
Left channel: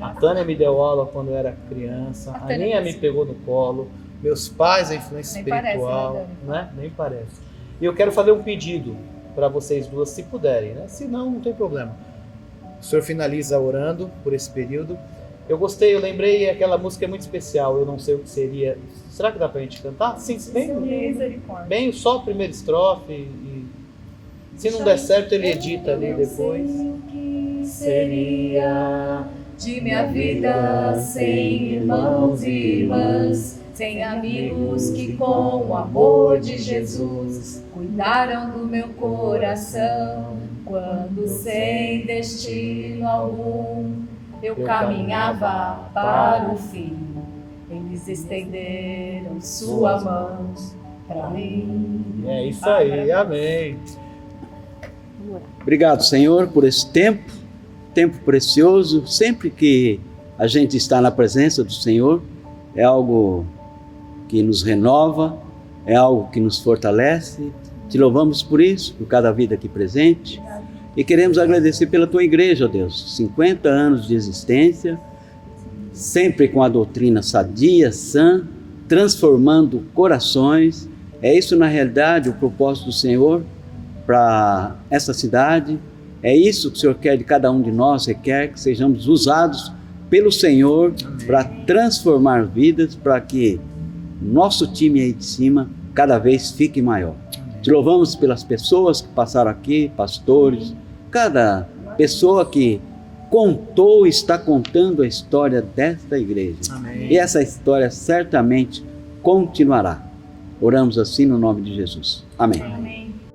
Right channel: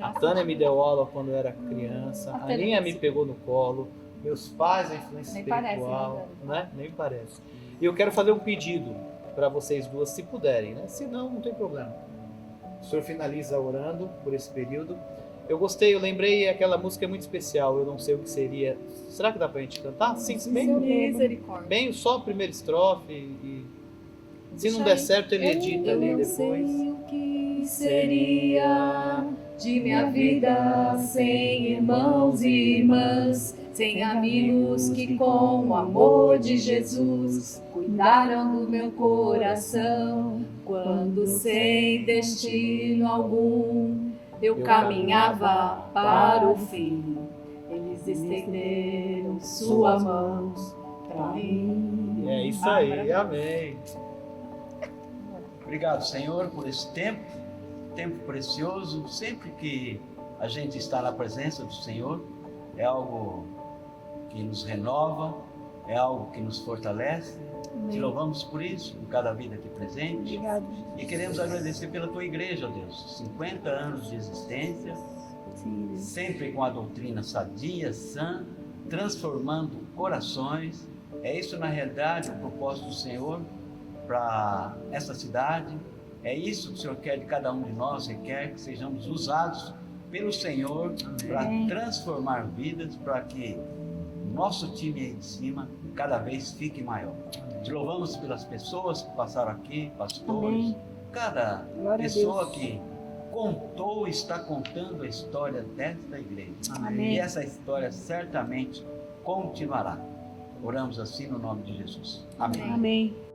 A Tânia me deu aula quando eu era criança, A a Tânia Aninha me parece. pegou no colo, meus pais a influência Nem parece, espiritual, né, né? Nem parece. E eu quero fazer um pedido para vocês duas, se puderem, né? Se não, não tem problema. O senhor finaliza orando por esse período. Eu lembrei, aquela música é muito especial, eu não sei o que seria. Será que dá pra gente cantar? Sim, Misericórdia. bem só a primeira estrofe e se não der certo ele edita ali Eu depois. sei o que seria de minha vida sem irmãos e irmãs, Sem amigos que com o amor de Jesus cuidaram do meu coração, quando sem destino algum eu caminhava para o fim, eles estenderam sua mão para mim. É isso aí, amém. Obrigado, Senhor, por esse tempo precioso. Sempre que a gente está na presença do Senhor, é algo que nos renova, é algo que nos fortalece. Te louvamos por isso, por cada vida aqui presente. E queremos agradecer pela tua igreja, ó Deus. 50 anos de existência, sempre com a doutrina sadia, sã, transformando corações. É isso, na realidade, o propósito do Senhor para essa cidade. É isso que o Senhor quer de cada um de nós, requer que sejamos usados pelo Senhor para transformar vidas, para que nosso time aí de cima cada vez fique maior. Te louvamos pelas pessoas que passaram aqui, pastores, cada pessoa que contou, está contando a história desta igreja. Amém. E essa história certamente continuará. Oramos assim no nome de Jesus. Amém. Amém.